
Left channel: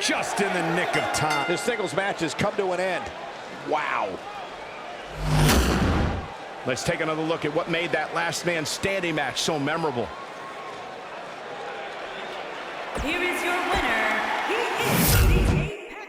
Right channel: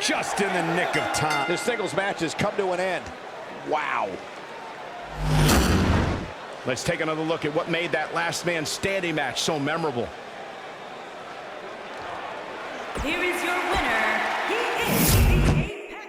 Just in the nick of time. This singles match has come to an end. Wow. Let's take another look at what made that Last Man Standing match so memorable. Here is your winner. He is the Apex.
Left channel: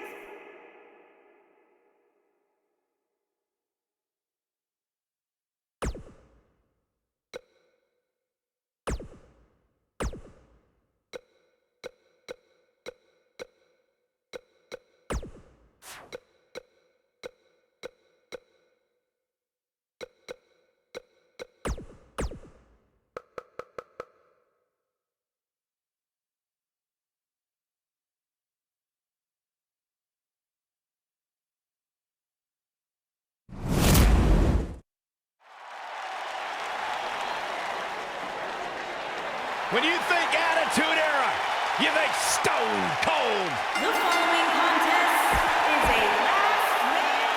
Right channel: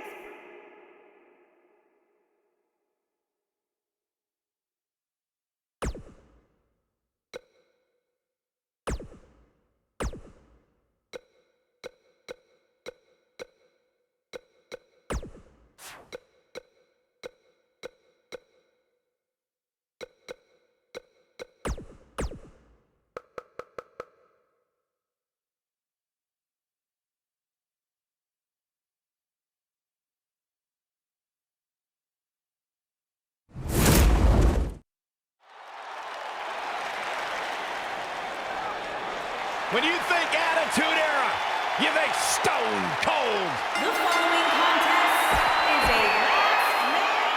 When you think Attitude Era, you think Stone Cold. The following contest is a last man.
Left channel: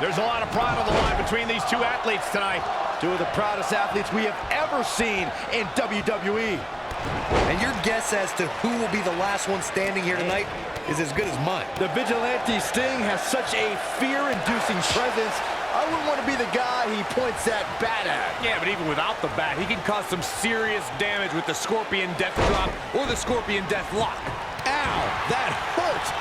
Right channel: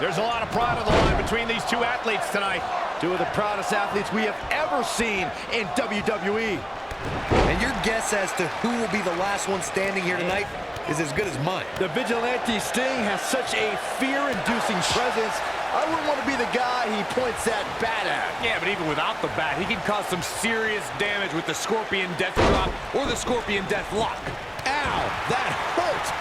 There's a lot of pride on the line between these two athletes tonight. Two of the proudest athletes we have ever seen in WWE. And your guess as to who will be the last one standing here tonight is as good as mine. The Vigilante Sting has such a fear-inducing presence. I wouldn't want to be the guy he points that bat at. Yeah, but even without the bat, he can cause some serious damage with the Scorpion Death Drop or the Scorpion Death Lock. Ow, that hurt.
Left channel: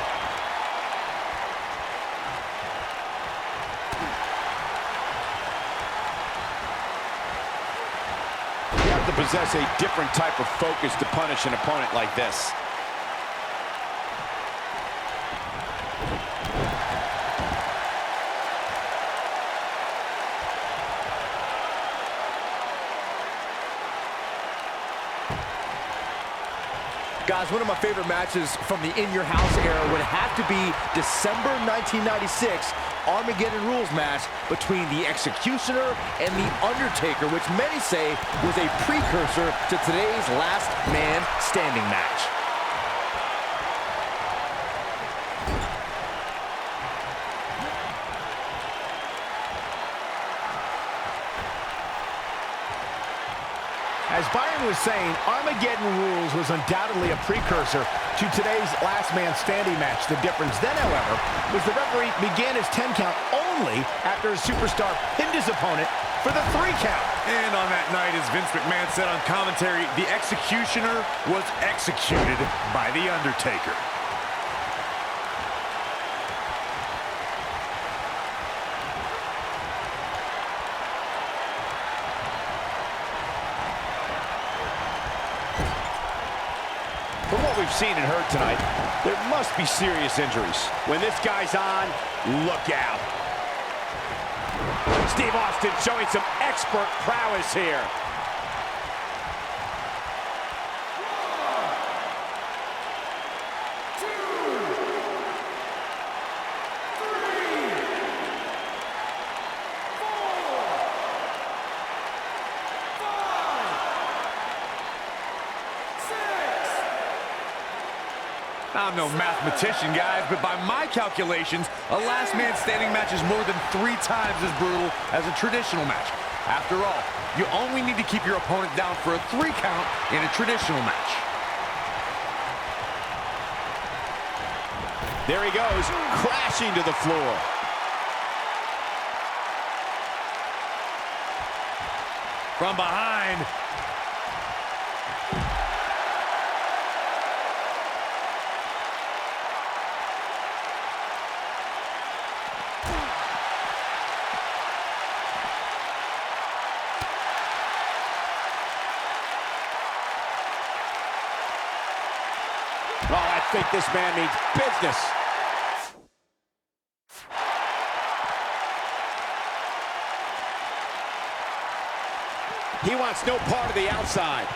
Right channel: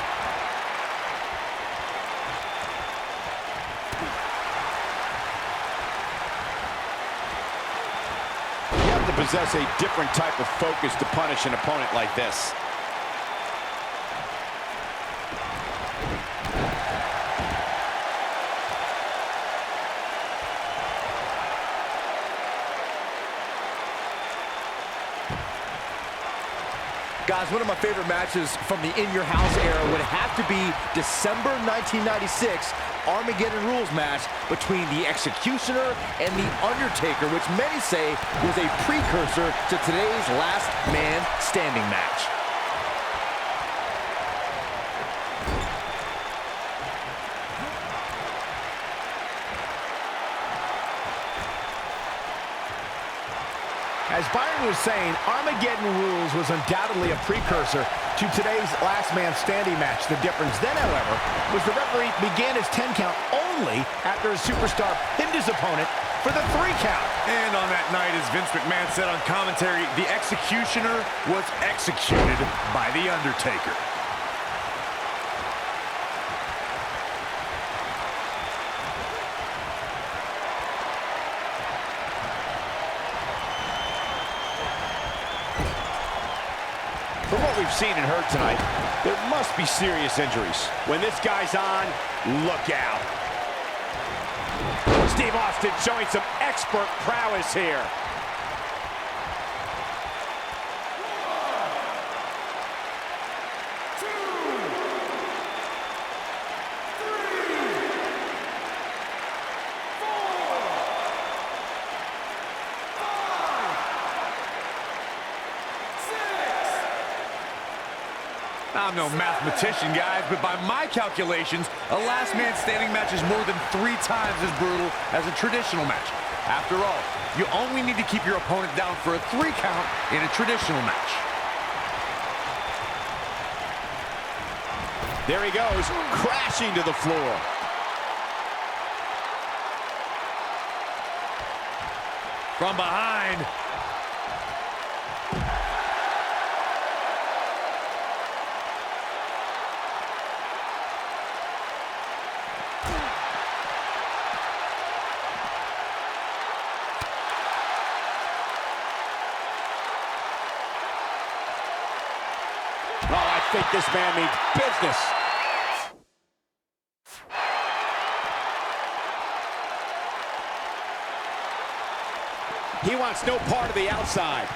You have to possess a different type of focus to punish an opponent like this. Guys, one of my favorite matches from the In Your House era would have to be December 1996 Armageddon Rules match between the Executioner and the Undertaker, which many say was a precursor to today's Last Man Standing match. As Byron was saying, Armageddon Rules was undoubtedly a precursor to today's Last Man Standing match. The difference then, however, was the referee began his 10 count only after a superstar pinned his opponent for the 3 count. And on that night, as Vince McMahon said on commentary, the Executioner was executed by the Undertaker. From what we've seen and heard tonight, there must be serious injuries. When this guy's on, look out. Steve Austin showing some expert prowess here. I'm no mathematician, guys, but by my calculations, a Last Man Standing match is more than 3 times as brutal as a traditional match. After all, you only need to keep your opponent down for a 3 count in a traditional match. There he goes, crashing to the floor. From behind. Oh, I think this man means business. He wants no part of the outside.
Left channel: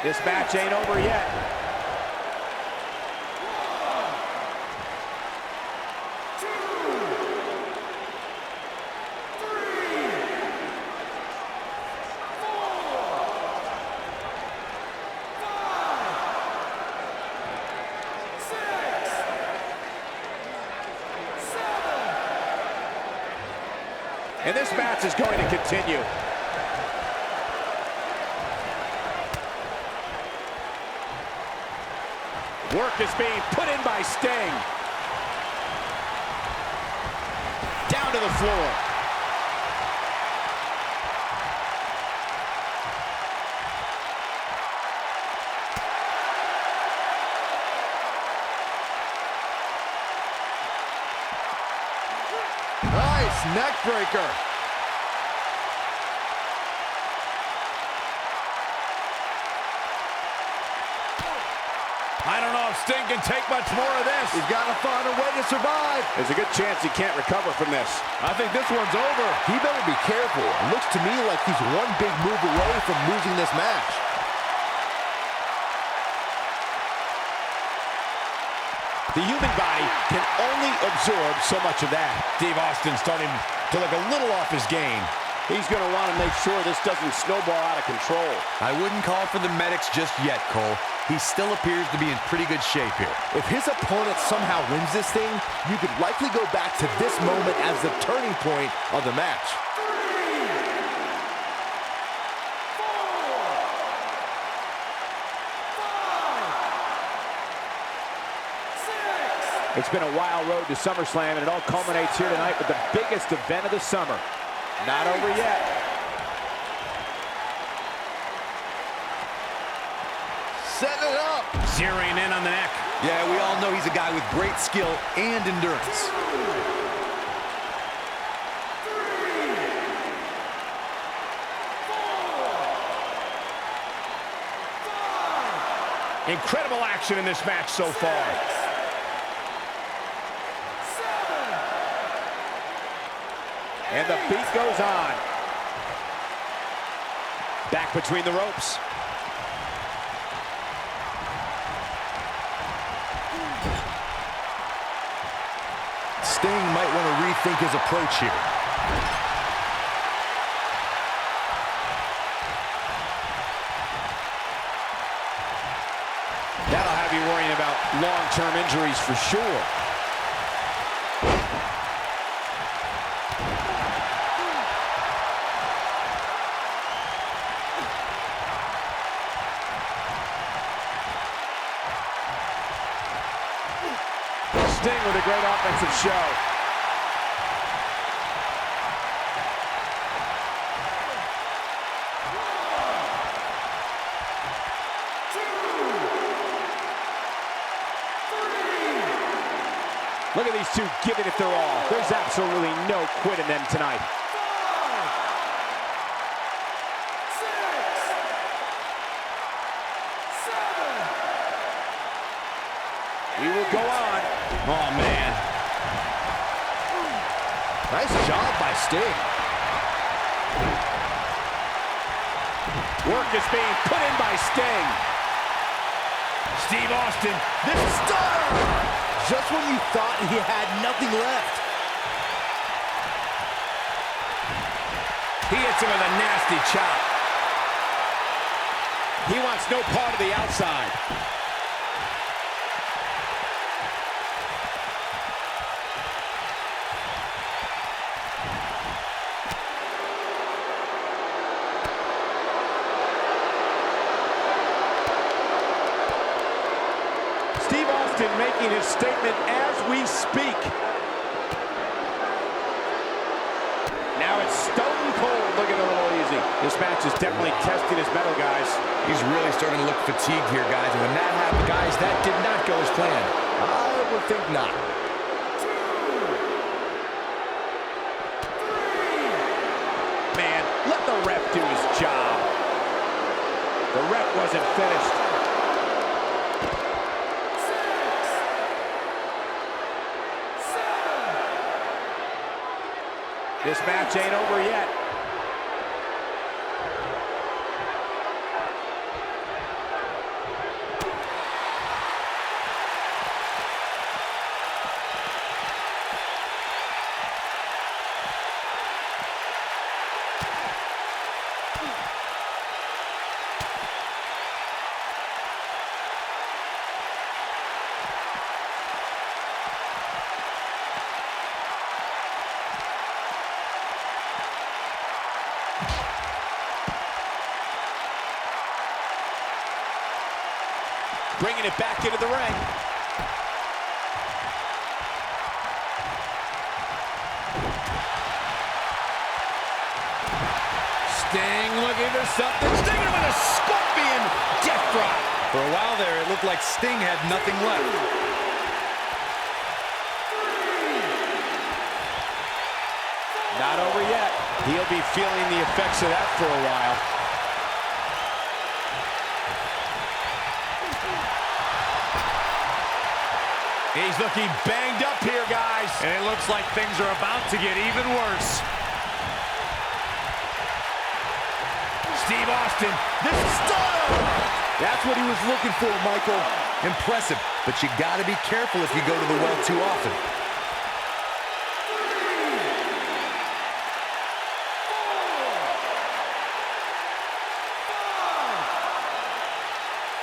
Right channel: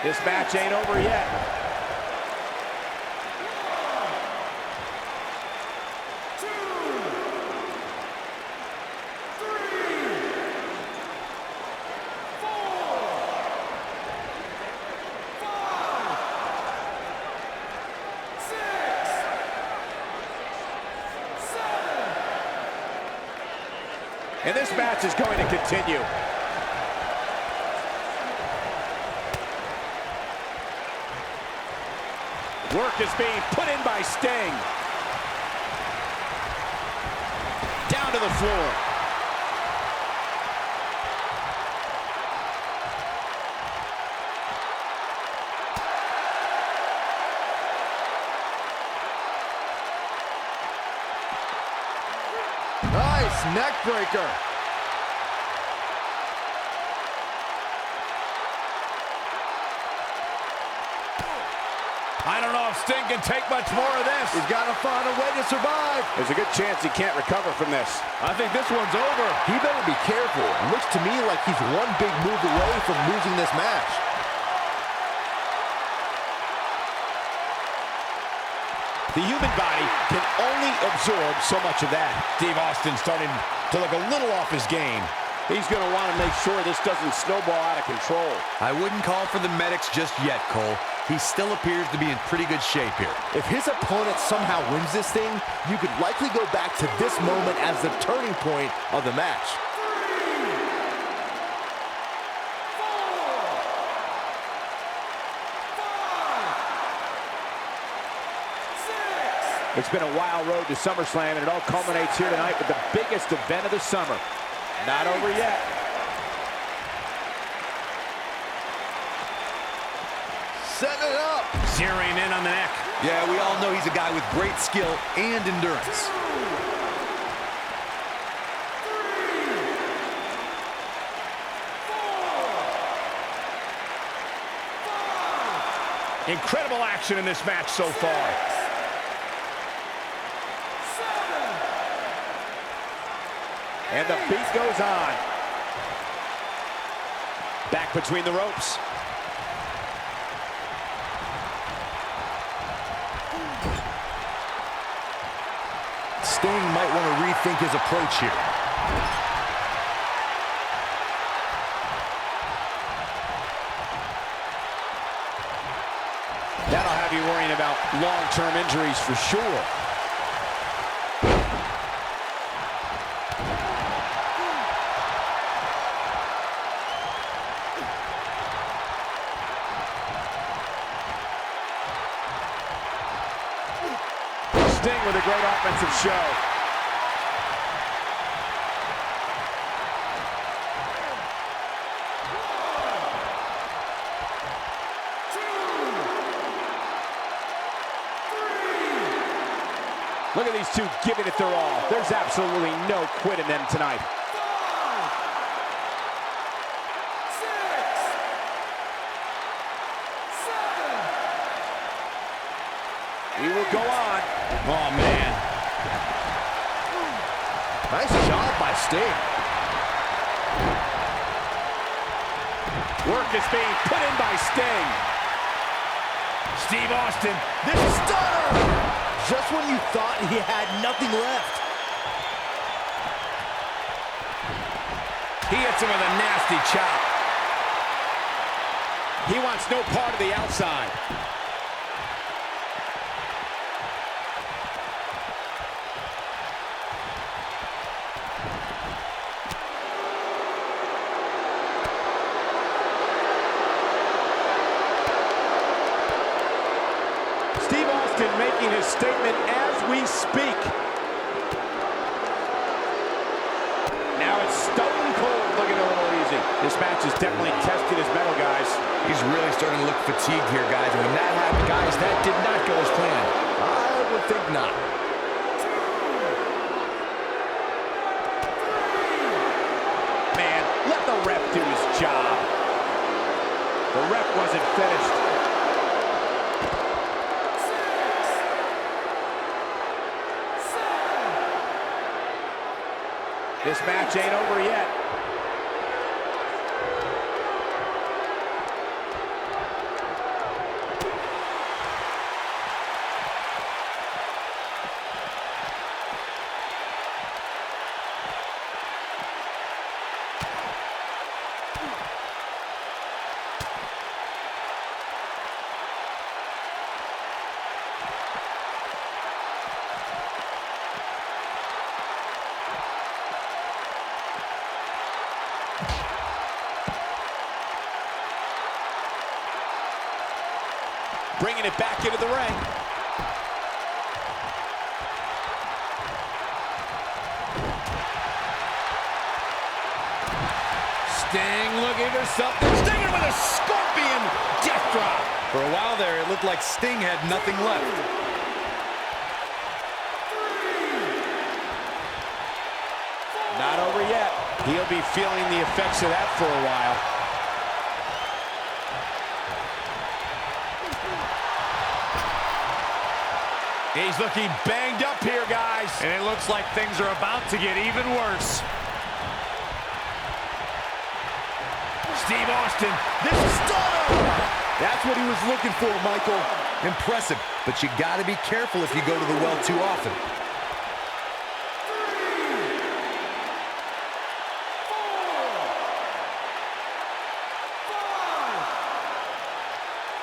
This match ain't over yet. 1, 2, 3, 4, 5, 6, 7. And this match is going to continue. Work is being put in by Sting. Down to the floor. Nice neck breaker. I don't know if Sting can take much more of this. He's got to find a way to survive. There's a good chance he can't recover from this. I think this one's over. He better be careful. It looks to me like he's one big move away from losing this match. The human body can only absorb so much of that. Steve Austin starting to look a little off his game. He's going to want to make sure this doesn't snowball out of control. I wouldn't call for the medics just yet, Cole. He still appears to be in pretty good shape here. If his opponent somehow wins this thing, you could likely go back to this moment as the turning point of the match. 3, 4, 5, 6. It's been a wild road to SummerSlam, and it all culminates here tonight with the biggest event of the summer. Not over yet. Setting it up. Zeroing in on the neck. Yeah, we all know he's a guy with great skill and endurance. 2, 3, 4, 5. Incredible action in this match so far. 7. And the beat goes on. Back between the ropes. Sting might want to rethink his approach here. That'll have you worrying about long-term injuries for sure. Sting with a great offensive show. Look at these two giving it their all. There's absolutely no quit in them tonight. 5, 6, 7. We will go on. Oh, man. Nice job by Sting. Work is being put in by Sting. Steve Austin, this Stunner! Just when you thought he had nothing left. he hits him with a nasty chop. He wants no part of the outside. Steve Austin making his statement as we speak. Now it's Stone Cold looking a little easy. This match is definitely testing his mettle, guys. He's really starting to look fatigued here, guys. And when that happened, Guys, that did not go as planned. I would think not. 2, 3. Man, let the ref do his job. The ref wasn't finished. 6, 7. This match ain't over yet. Bringing it back into the ring. Sting looking for something. Stinger with a scorpion death drop. for a while there, it looked like Sting had nothing left. 3, 4. Not over yet. He'll be feeling the effects of that for a while. He's looking banged up here, guys. And it looks like things are about to get even worse. Steve Austin, this Stunner! That's what he was looking for, Michael. Impressive, but you gotta be careful if you go to the well too often.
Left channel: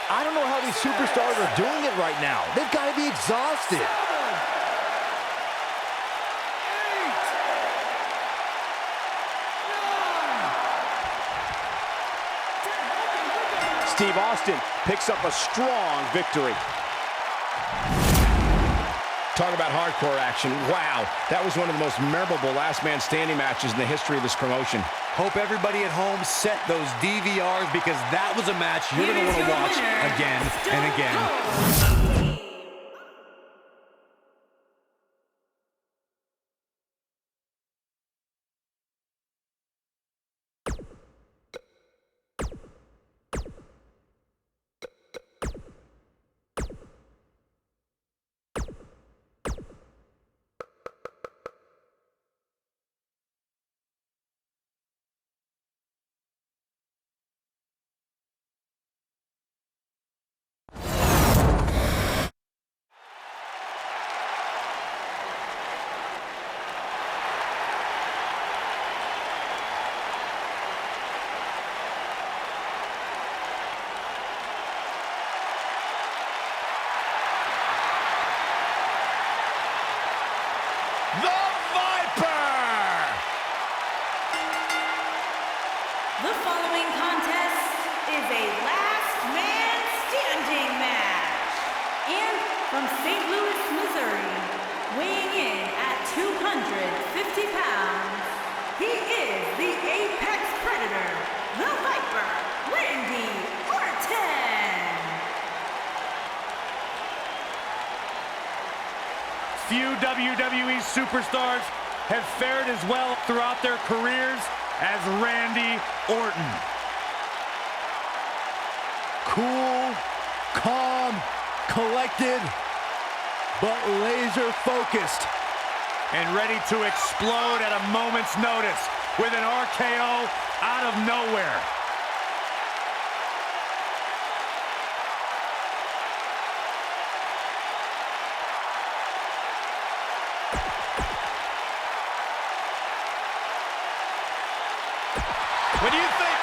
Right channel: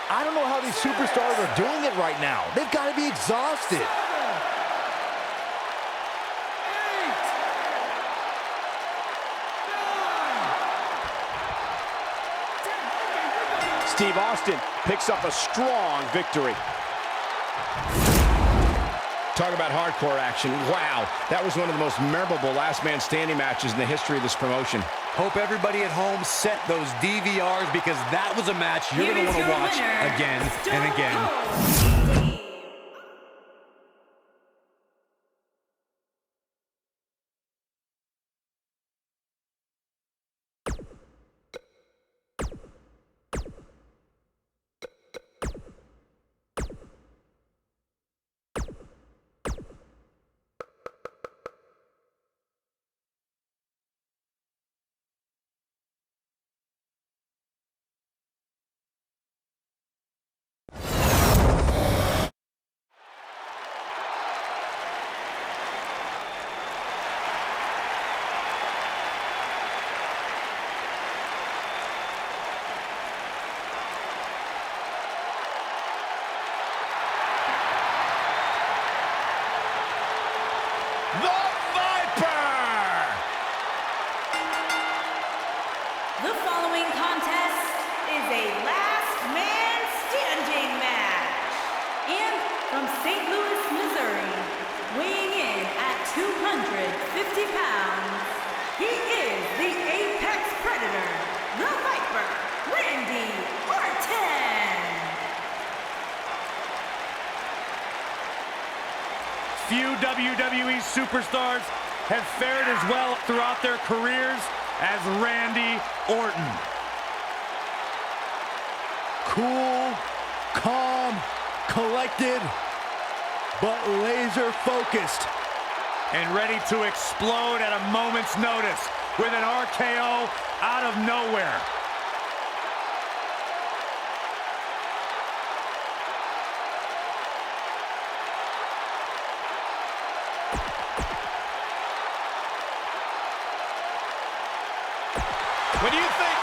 I don't know how these superstars are doing it right now. They've got to be exhausted. 7, 8. Steve Austin picks up a strong victory. Talk about hardcore action. Wow, that was one of the most memorable last man standing matches in the history of this promotion. Hope everybody at home set those DVRs because that was a match you're going to want to watch again and again. The Viper! The following contest is a last man standing match. And from St. Louis, Missouri, weighing in at 250 pounds, he is the Apex Predator, the Viper, Randy Orton. Few WWE superstars have fared as well throughout their careers as Randy Orton. Cool, calm, collected, but laser focused. And ready to explode at a moment's notice with an RKO out of nowhere. What do you think?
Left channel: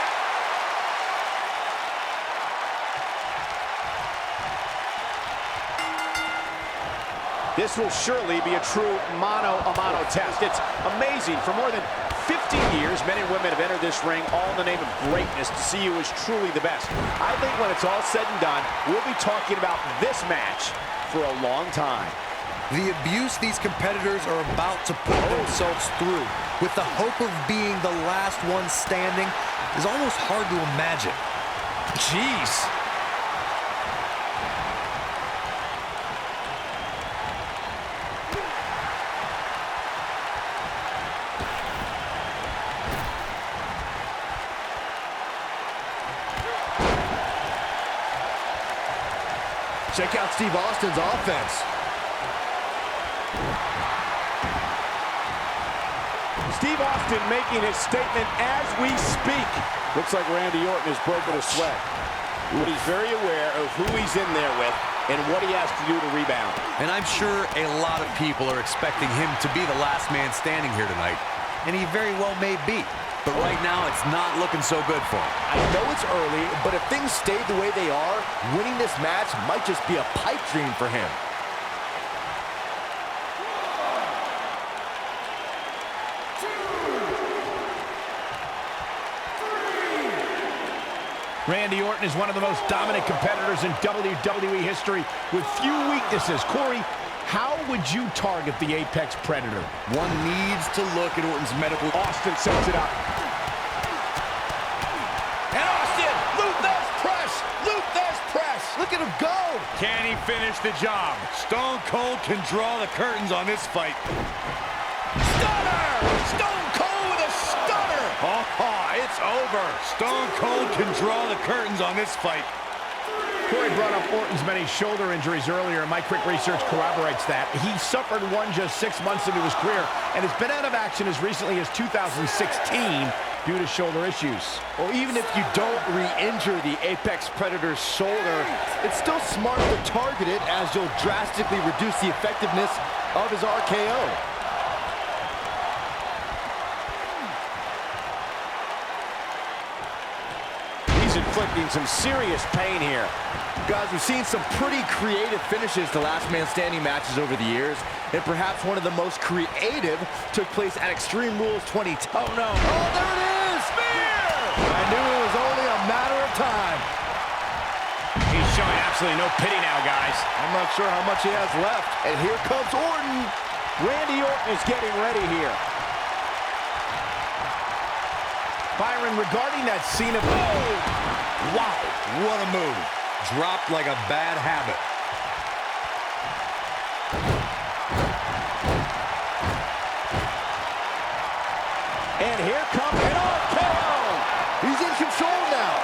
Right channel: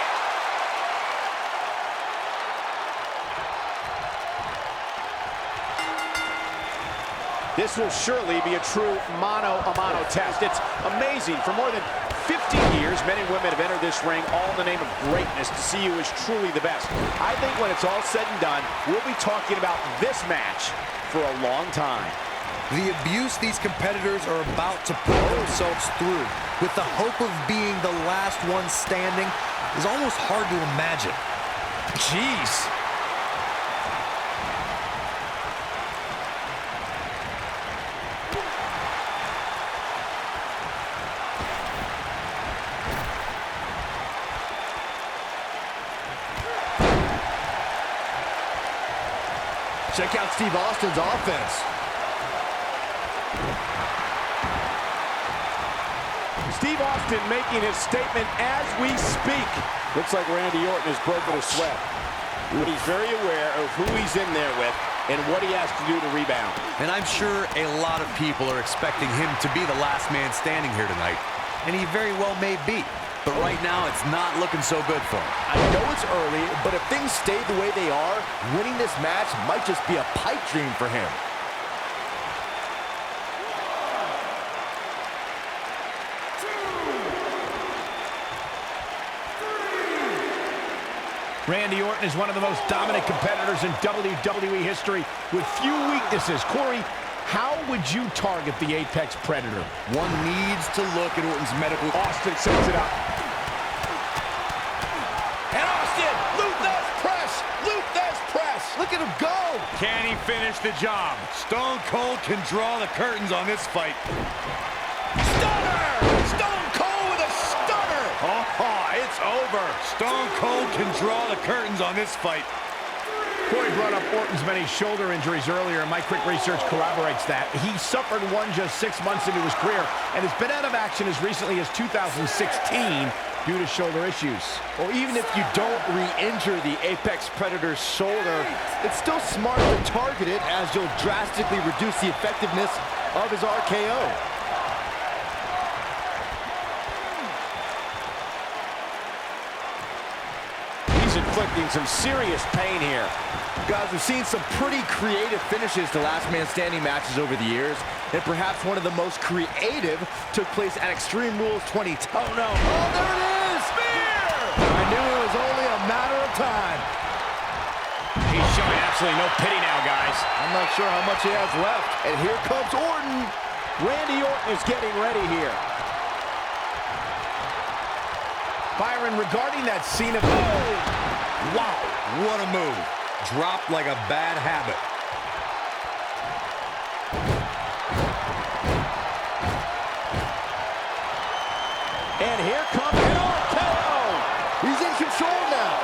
This will surely be a true mano-a-mano test. It's amazing. For more than 50 years, men and women have entered this ring all in the name of greatness to see who is truly the best. I think when it's all said and done, we'll be talking about this match for a long time. The abuse these competitors are about to put themselves through with the hope of being the last one standing is almost hard to imagine. Jeez. Check out Steve Austin's offense. Steve Austin making his statement as we speak. Looks like Randy Orton has broken a sweat. But he's very aware of who he's in there with and what he has to do to rebound. And I'm sure a lot of people are expecting him to be the last man standing here tonight. And he very well may be. But right now, it's not looking so good for him. I know it's early, but if things stay the way they are, winning this match might just be a pipe dream for him. Randy Orton is one of the most dominant competitors in WWE history with few weaknesses. Corey, how would you target the Apex Predator? One needs to look at Orton's medical. Austin sets it up. And Austin, Luthez press, Luthez press. Look at him go! Can he finish the job? Stone Cold can draw the curtains on this fight. Stunner! Stone Cold with a stunner! Oh, it's over. Stone Cold can draw the curtains on this fight. Corey brought up Orton's many shoulder injuries earlier, and my quick research corroborates that. He suffered one just 6 months into his career and has been out of action as recently as 2016 due to shoulder issues. Well, even if you don't re-injure the Apex Predator's shoulder, it's still smart to target it, as you'll drastically reduce the effectiveness of his RKO. He's inflicting some serious pain here. Guys, we've seen some pretty creative finishes to last man standing matches over the years, and perhaps one of the most creative took place at Extreme Rules 20. Oh no. Oh, there it is! Spear! I knew it was only a matter of time. He's showing absolutely no pity now, guys. I'm not sure how much he has left. And here comes Orton. Randy Orton is getting ready here. Byron, regarding that scene of... Oh! Wow, what a move. Dropped like a bad habit. And here comes an RKO. He's in control now.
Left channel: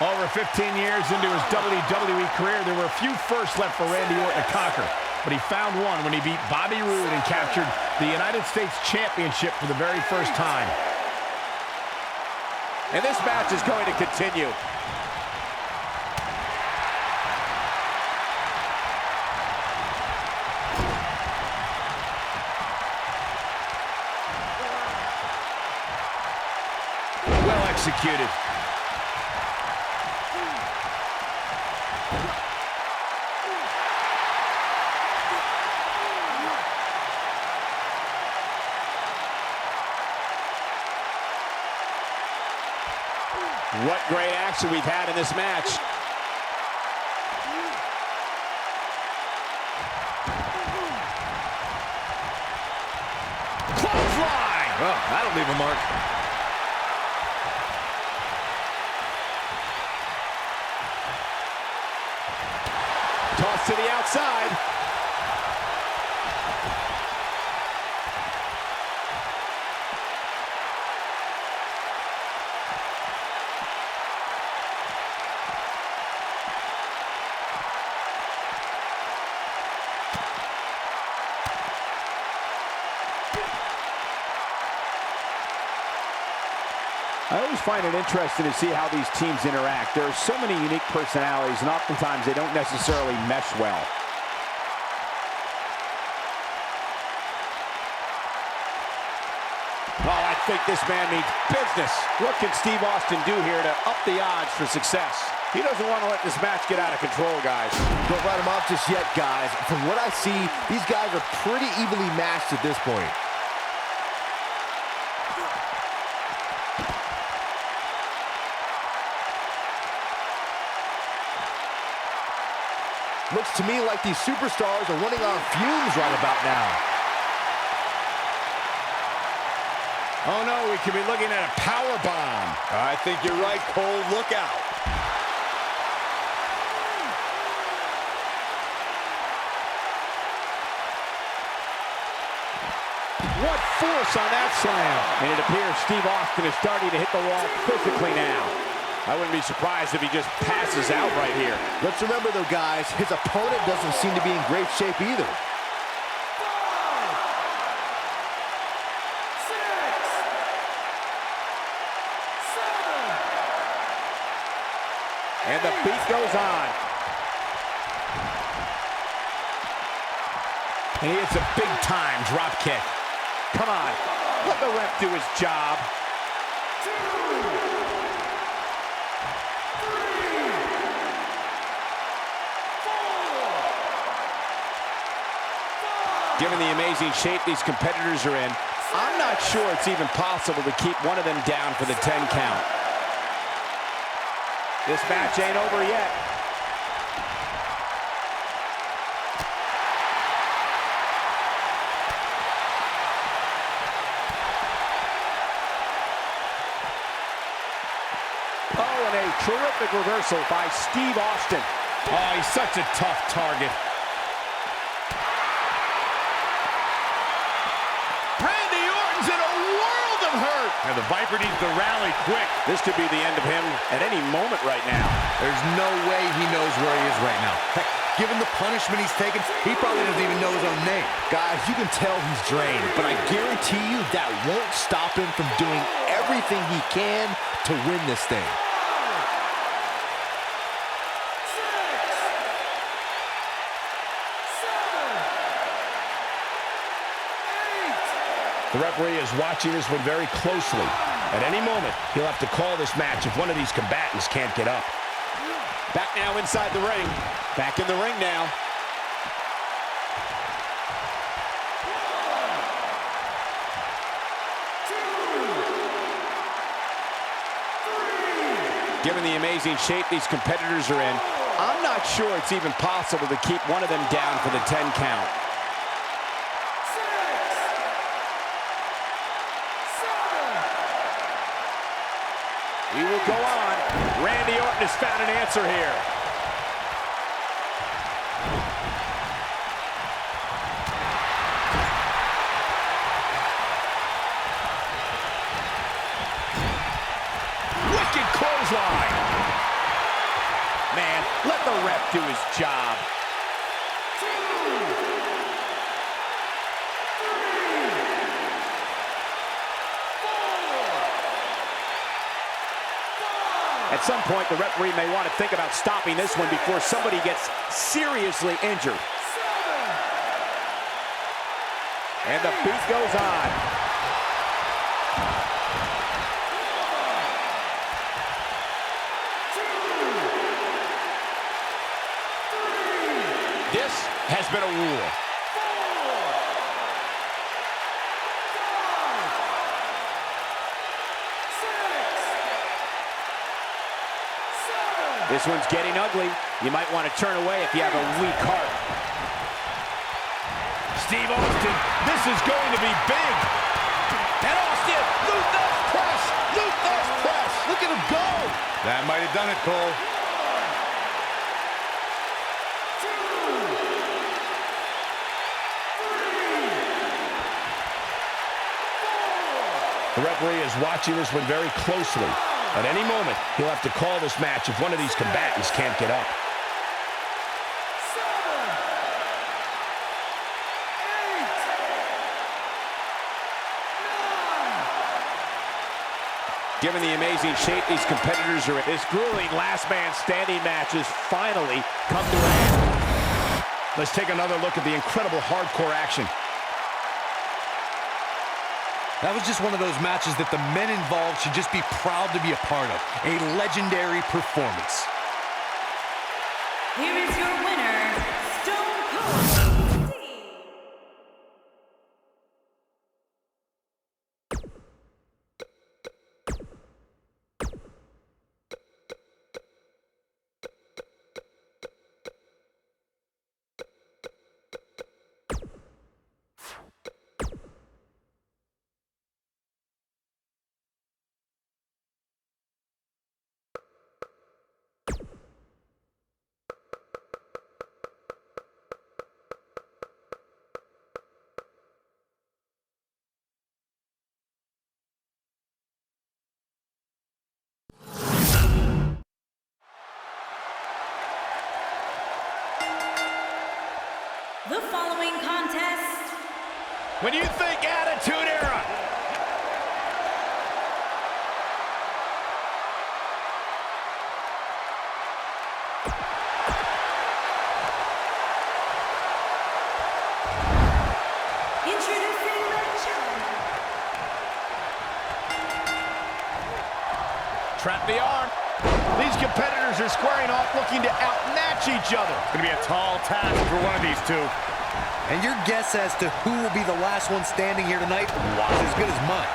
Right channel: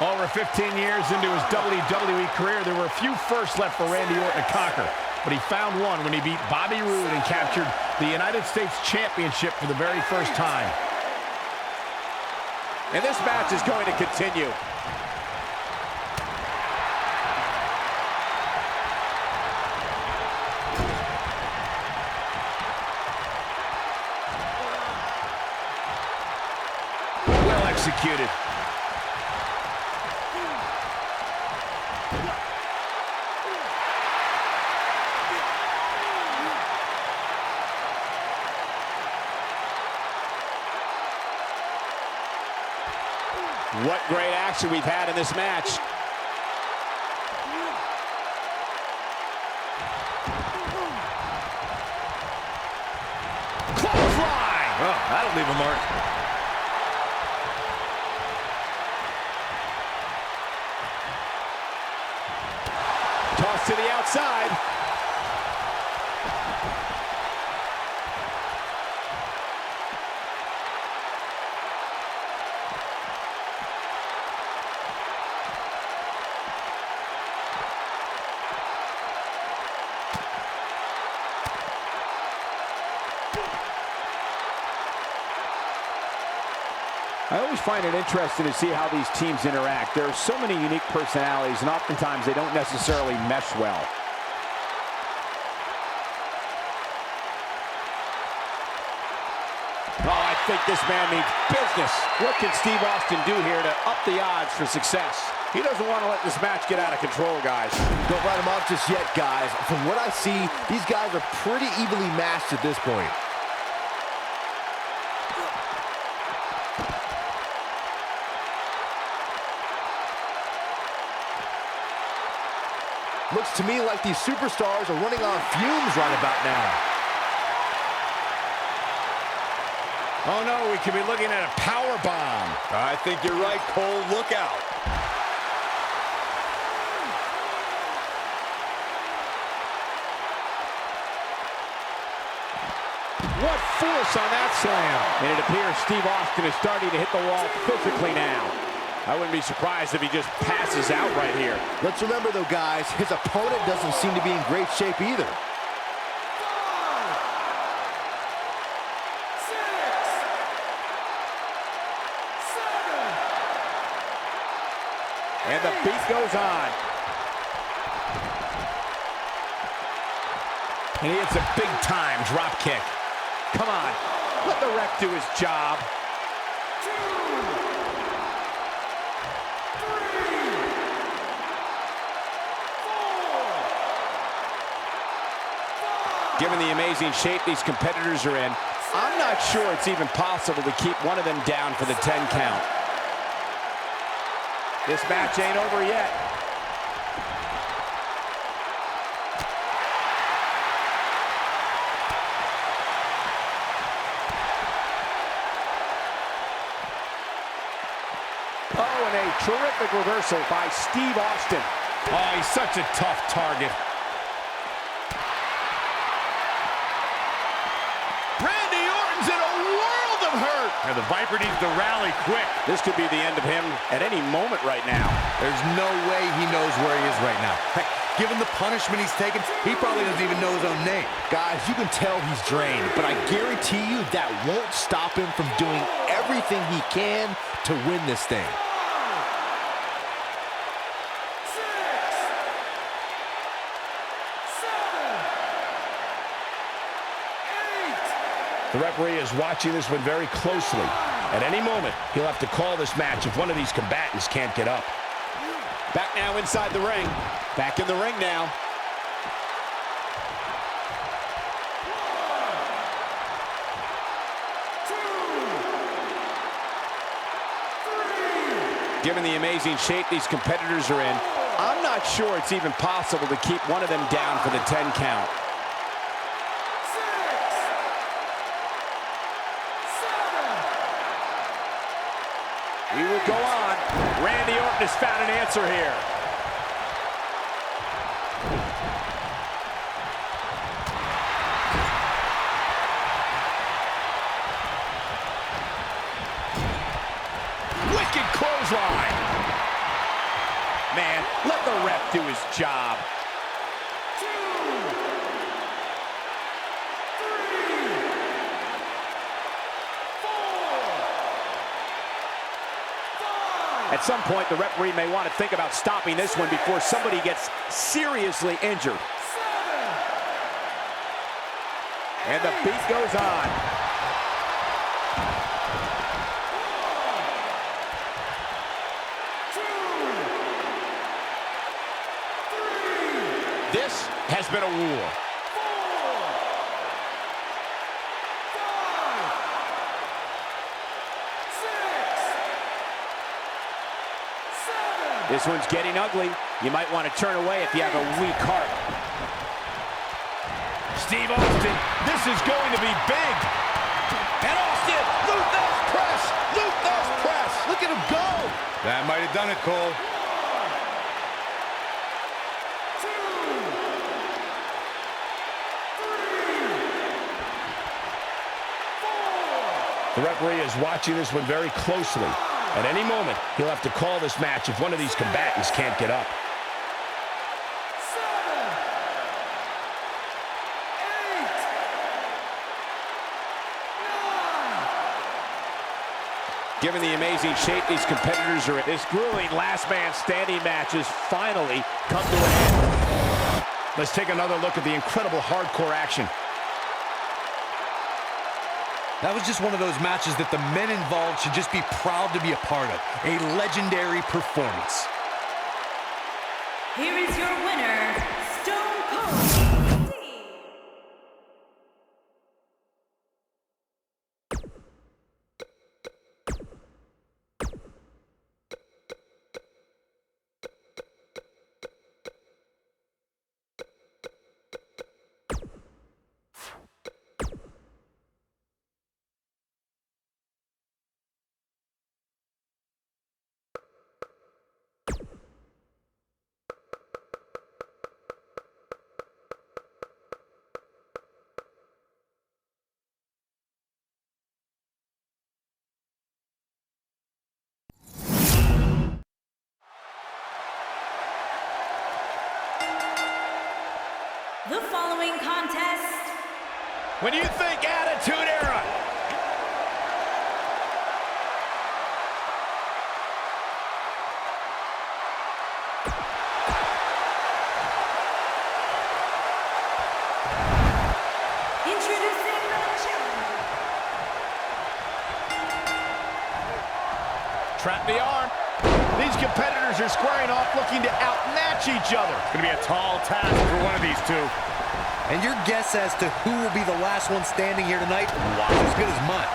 Over 15 years into his WWE career, there were a few firsts left for Randy Orton to conquer. But he found one when he beat Bobby Roode and captured the United States Championship for the very first time. And this match is going to continue. Well executed. What great action we've had in this match. Clothesline! Oh, that'll leave a mark. Toss to the outside. I always find it interesting to see how these teams interact. There are so many unique personalities, and oftentimes they don't necessarily mesh well. Oh, I think this man means business. What can Steve Austin do here to up the odds for success? He doesn't want to let this match get out of control, guys. Don't write him off just yet, guys. From what I see, these guys are pretty evenly matched at this point. Looks to me like these superstars are running on fumes right about now. Oh no, we could be looking at a power bomb. I think you're right, Cole. Look out. What force on that slam. And it appears Steve Austin is starting to hit the wall physically now. I wouldn't be surprised if he just passes out right here. Let's remember, though, guys, his opponent doesn't seem to be in great shape either. 5, 6, 7. And the beat goes on. And he hits a big-time drop kick. Come on, let the ref do his job. 2, 3, 4, 5. Given the amazing shape these competitors are in, I'm not sure it's even possible to keep one of them down for the 10 count. This match ain't over yet. Oh, and a terrific reversal by Steve Austin. Oh, he's such a tough target. Randy Orton's in a world of hurt. Now the Viper needs to rally quick. This could be the end of him at any moment right now. There's no way he knows where he is right now. Heck, given the punishment he's taken, he probably doesn't even know his own name. Guys, you can tell he's drained, but I guarantee you that won't stop him from doing everything he can to win this thing. 6, 7, 8. The referee is watching this one very closely. At any moment, he'll have to call this match if one of these combatants can't get up. Back now inside the ring. Back in the ring now. 1, 2, 3. Given the amazing shape these competitors are in, I'm not sure it's even possible to keep one of them down for the 10 count. 6, 7. We will go on. Randy Orton has found an answer here. Wicked clothesline. Man, let the ref do his job. 2, 3, 4, 5. At some point, the referee may want to think about stopping this one before somebody gets seriously injured. 7. And the beat goes on. 2, 3, This has been a war. 4, 5, 6, 7. This one's getting ugly. You might want to turn away if you have a weak heart. Steve Austin, this is going to be big. And Austin, Luther's press, Luther's press. Look at him go. That might have done it, Cole. 2, 3, 4. The referee is watching this one very closely. At any moment, he'll have to call this match if one of these combatants can't get up. 7, 8, 9. Given the amazing shape these competitors are in, this grueling last man standing match has finally come to an end. Let's take another look at the incredible hardcore action. That was just one of those matches that the men involved should just be proud to be a part of. A legendary performance. Here is your winner, Stone Cold Steve. The following contest When you think Attitude Era, introducing the challenger. trap the arm. These competitors are squaring off looking to outmatch each other. It's going to be a tall task for one of these two. And your guess as to who will be the last one standing here tonight is as good as mine.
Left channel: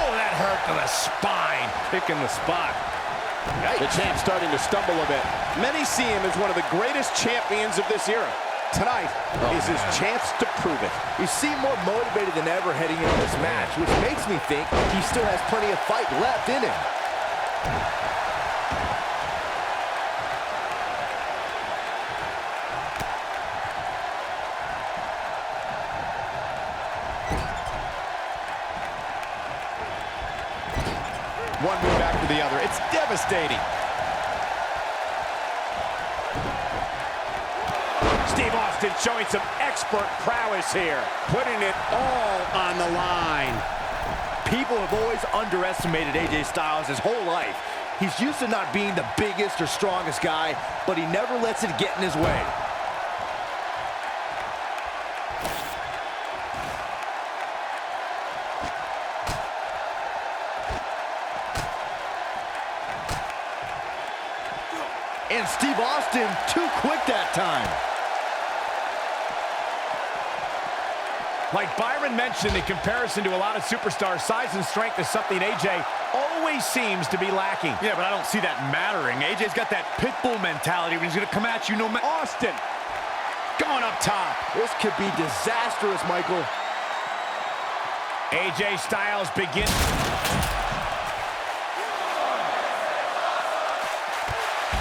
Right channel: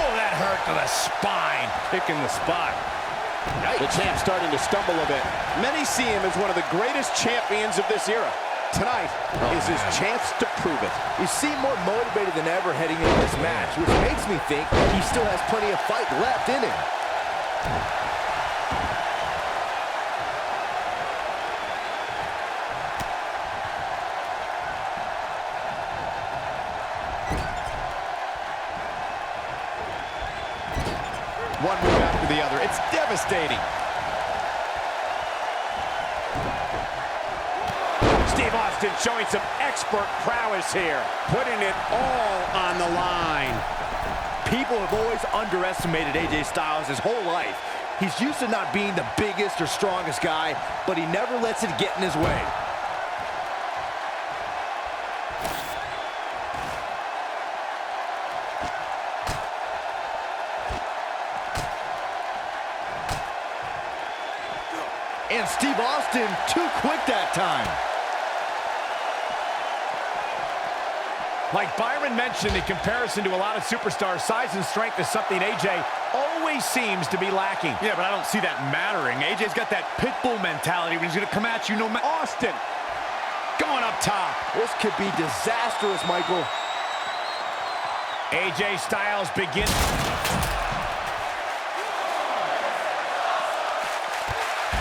Oh, that hurt to the spine. Picking the spot. The champ's starting to stumble a bit. Many see him as one of the greatest champions of this era. Tonight is his chance to prove it. He seemed more motivated than ever heading into this match, which makes me think he still has plenty of fight left in him. One move after the other. It's devastating. Steve Austin showing some expert prowess here. Putting it all on the line. People have always underestimated AJ Styles his whole life. He's used to not being the biggest or strongest guy, but he never lets it get in his way. And Steve Austin, too quick that time. Like Byron mentioned, in comparison to a lot of superstars, size and strength is something AJ always seems to be lacking. Yeah, but I don't see that mattering. AJ's got that pit bull mentality when he's going to come at you no matter. Austin going up top. This could be disastrous, Michael. AJ Styles begins.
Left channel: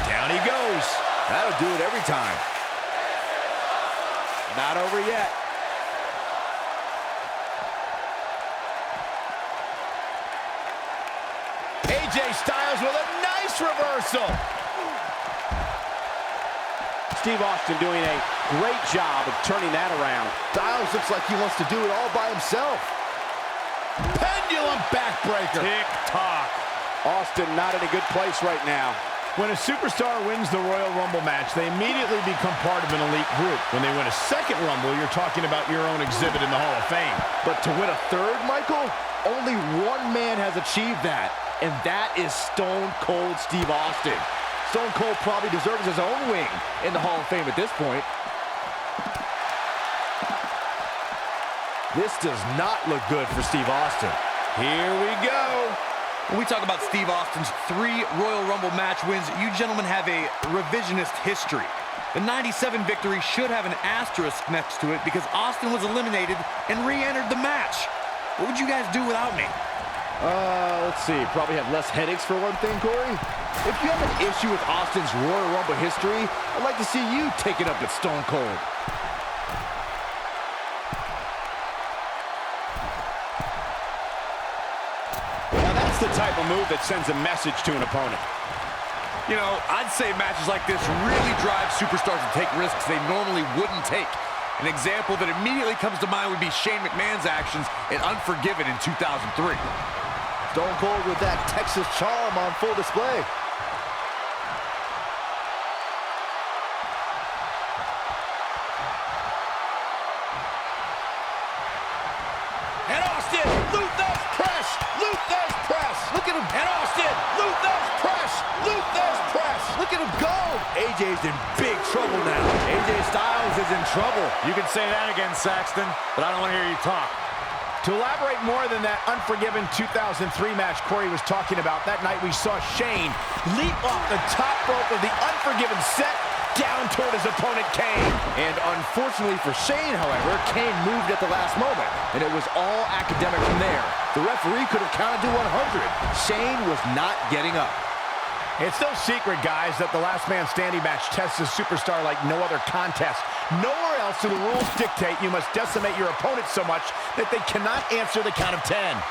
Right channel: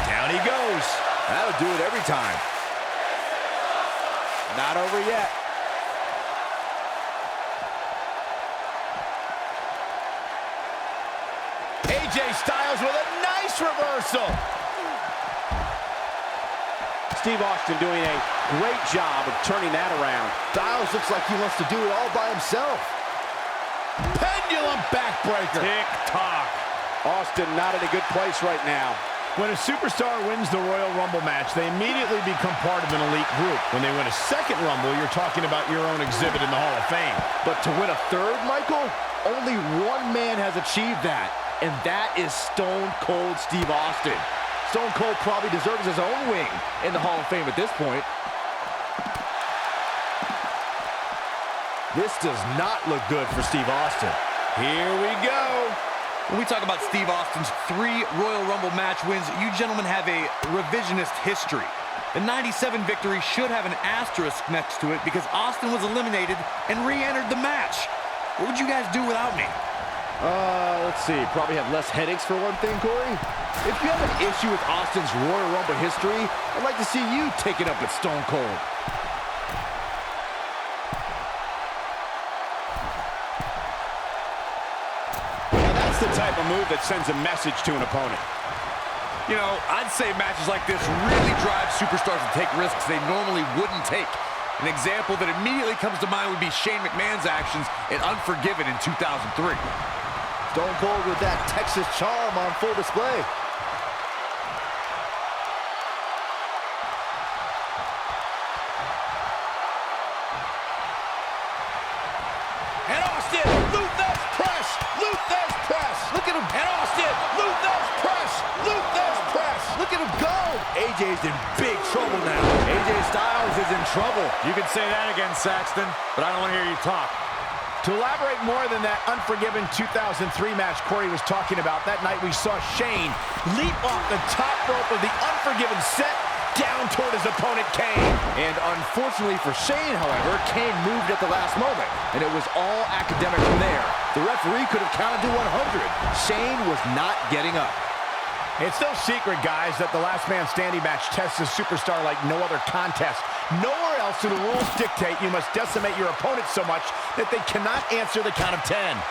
Down he goes. That'll do it every time. Not over yet. AJ Styles with a nice reversal. Steve Austin doing a great job of turning that around. Styles looks like he wants to do it all by himself. Pendulum backbreaker. Tick-tock. Austin not in a good place right now. When a superstar wins the Royal Rumble match, they immediately become part of an elite group. When they win a second Rumble, you're talking about your own exhibit in the Hall of Fame. But to win a third, Michael, only one man has achieved that, and that is Stone Cold Steve Austin. Stone Cold probably deserves his own wing in the Hall of Fame at this point. This does not look good for Steve Austin. Here we go. When we talk about Steve Austin's 3 Royal Rumble match wins, you gentlemen have a revisionist history. The 97 victory should have an asterisk next to it because Austin was eliminated and re-entered the match. What would you guys do without me? Let's see. Probably have less headaches for one thing, Corey. If you have an issue with Austin's Royal Rumble history, I'd like to see you take it up with Stone Cold. Now that's the type of move that sends a message to an opponent. You know, I'd say matches like this really drive superstars to take risks they normally wouldn't take. An example that immediately comes to mind would be Shane McMahon's actions in Unforgiven in 2003. Stone Cold with that Texas charm on full display. And Austin, Luther's press, Luther's press. Look at him. And Austin, Luther's press, Luther's press. Look at him go. AJ's in big trouble now. AJ Styles is in trouble. You can say that again, Saxton, but I don't want to hear you talk. To elaborate more than that Unforgiven 2003 match Corey was talking about, that night we saw Shane leap off the top rope of the Unforgiven set down toward his opponent, Kane. And unfortunately for Shane, however, Kane moved at the last moment, and it was all academic from there. The referee could have counted to 100. Shane was not getting up. It's no secret, guys, that the last man standing match tests a superstar like no other contest. Nowhere else do the rules dictate you must decimate your opponent so much that they cannot answer the count of 10.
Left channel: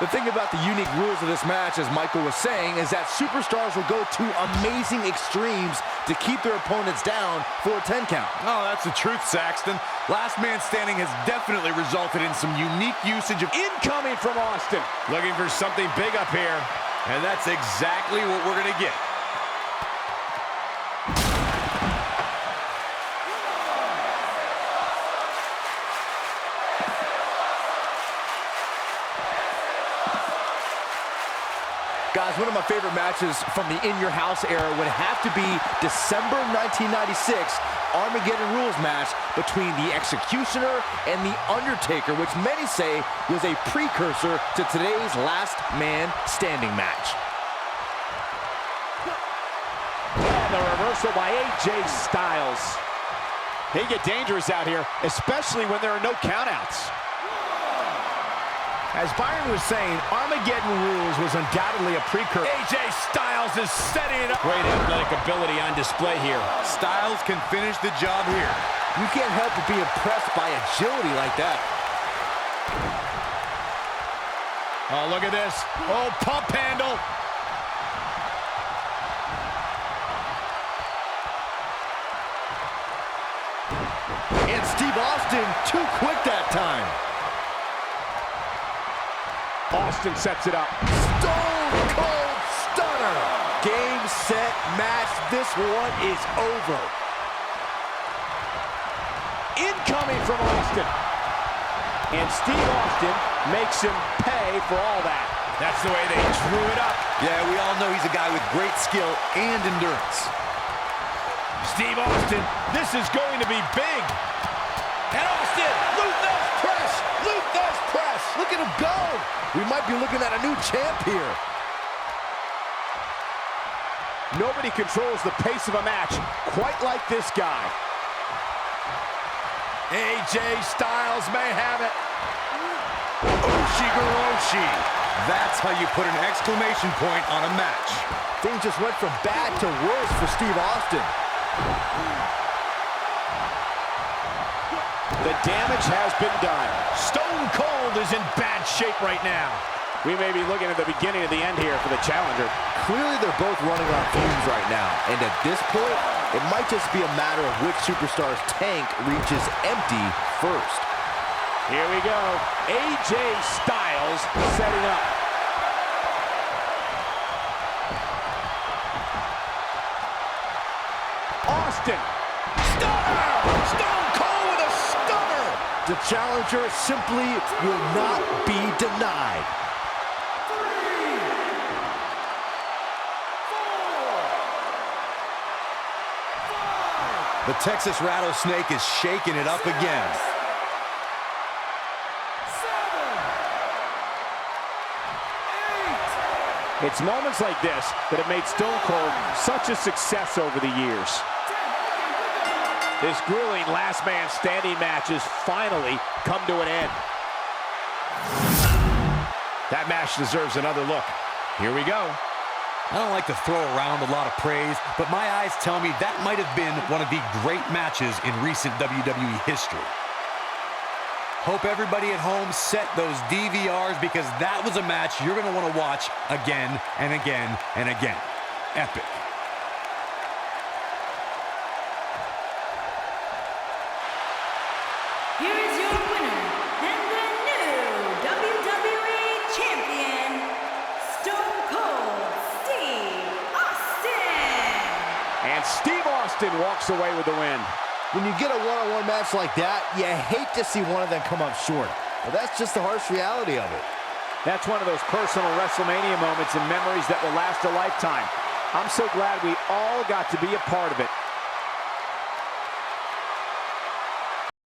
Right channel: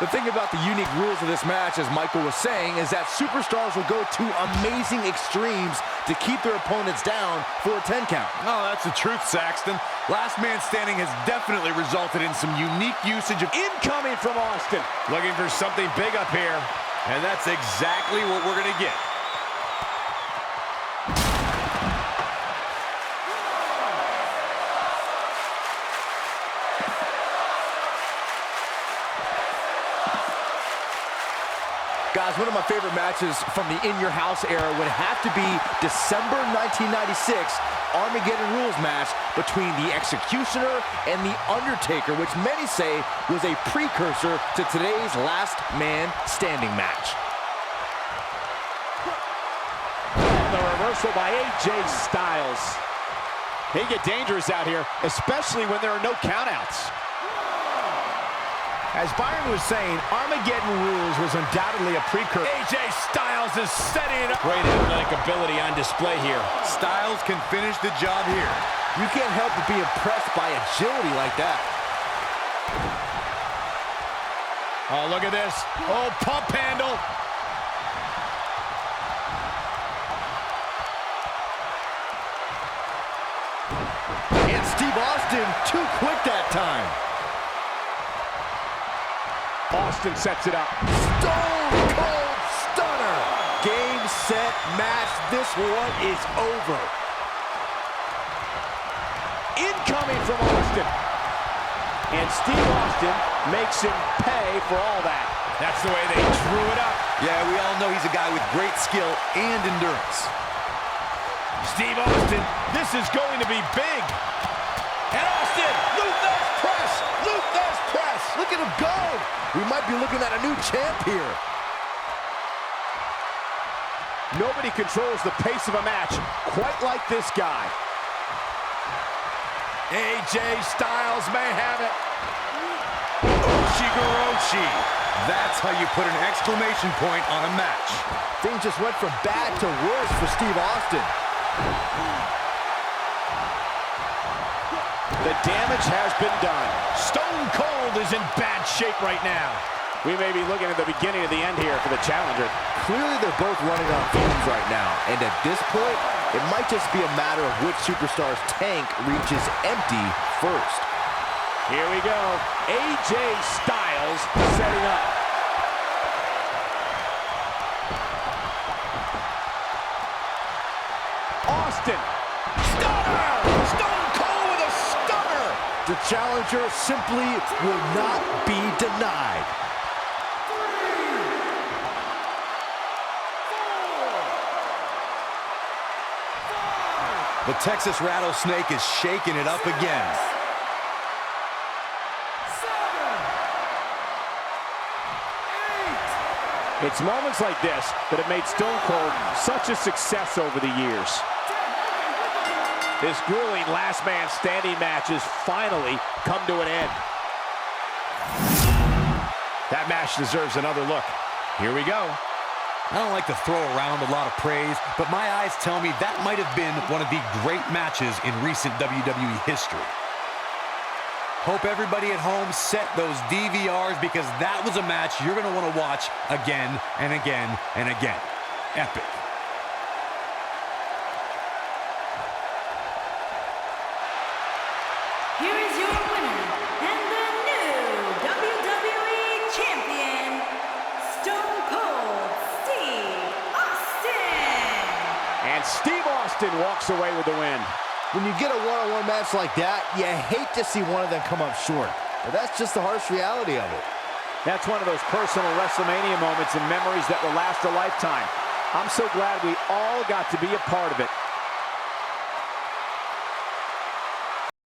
The thing about the unique rules of this match, as Michael was saying, is that superstars will go to amazing extremes to keep their opponents down for a 10 count. Oh, that's the truth, Saxton. Last man standing has definitely resulted in some unique usage of Incoming from Austin. Looking for something big up here. and that's exactly what we're going to get. Guys, one of my favorite matches from the In Your House era would have to be December 1996 Armageddon Rules match between the Executioner and the Undertaker, which many say was a precursor to today's Last Man Standing match. The reversal by AJ Styles. They get dangerous out here, especially when there are no countouts. As Byron was saying, Armageddon Rules was undoubtedly a precursor. AJ Styles is setting it up. Great athletic ability on display here. Styles can finish the job here. You can't help but be impressed by agility like that. Oh, look at this. Oh, pump handle. And Steve Austin too quick that time. Austin sets it up. Stone Cold Stunner. Game, set, match. This one is over. Incoming from Austin. And Steve Austin makes him pay for all that. That's the way they drew it up. Yeah, we all know he's a guy with great skill and endurance. Steve Austin, this is going to be big. And Austin, Luthez press, Luthez press. Look at him go. We might be looking at a new champ here. Nobody controls the pace of a match quite like this guy. AJ Styles may have it. Oshigoroshi. That's how you put an exclamation point on a match. Things just went from bad to worse for Steve Austin. The damage has been done. Stone Cold is in bad shape right now. We may be looking at the beginning of the end here for the challenger. Clearly they're both running on fumes right now. And at this point, it might just be a matter of which superstar's tank reaches empty first. Here we go. AJ Styles setting up. Austin. Stunner! Stone Cold with a stunner! The challenger simply will not be denied. 3, 4, 5, The Texas Rattlesnake is shaking it up again. 7, 8. It's moments like this that have made Stone Cold such a success over the years. This grueling last man standing match has finally come to an end. That match deserves another look. Here we go. I don't like to throw around a lot of praise, but my eyes tell me that might have been one of the great matches in recent WWE history. Hope everybody at home set those DVRs because that was a match you're going to want to watch again and again and again. Epic. Here is your winner and the new WWE Champion, Stone Cold Steve Austin. And Steve Austin walks away with the win. When you get a one-on-one match like that, you hate to see one of them come up short. But that's just the harsh reality of it. That's one of those personal WrestleMania moments and memories that will last a lifetime. I'm so glad we all got to be a part of it.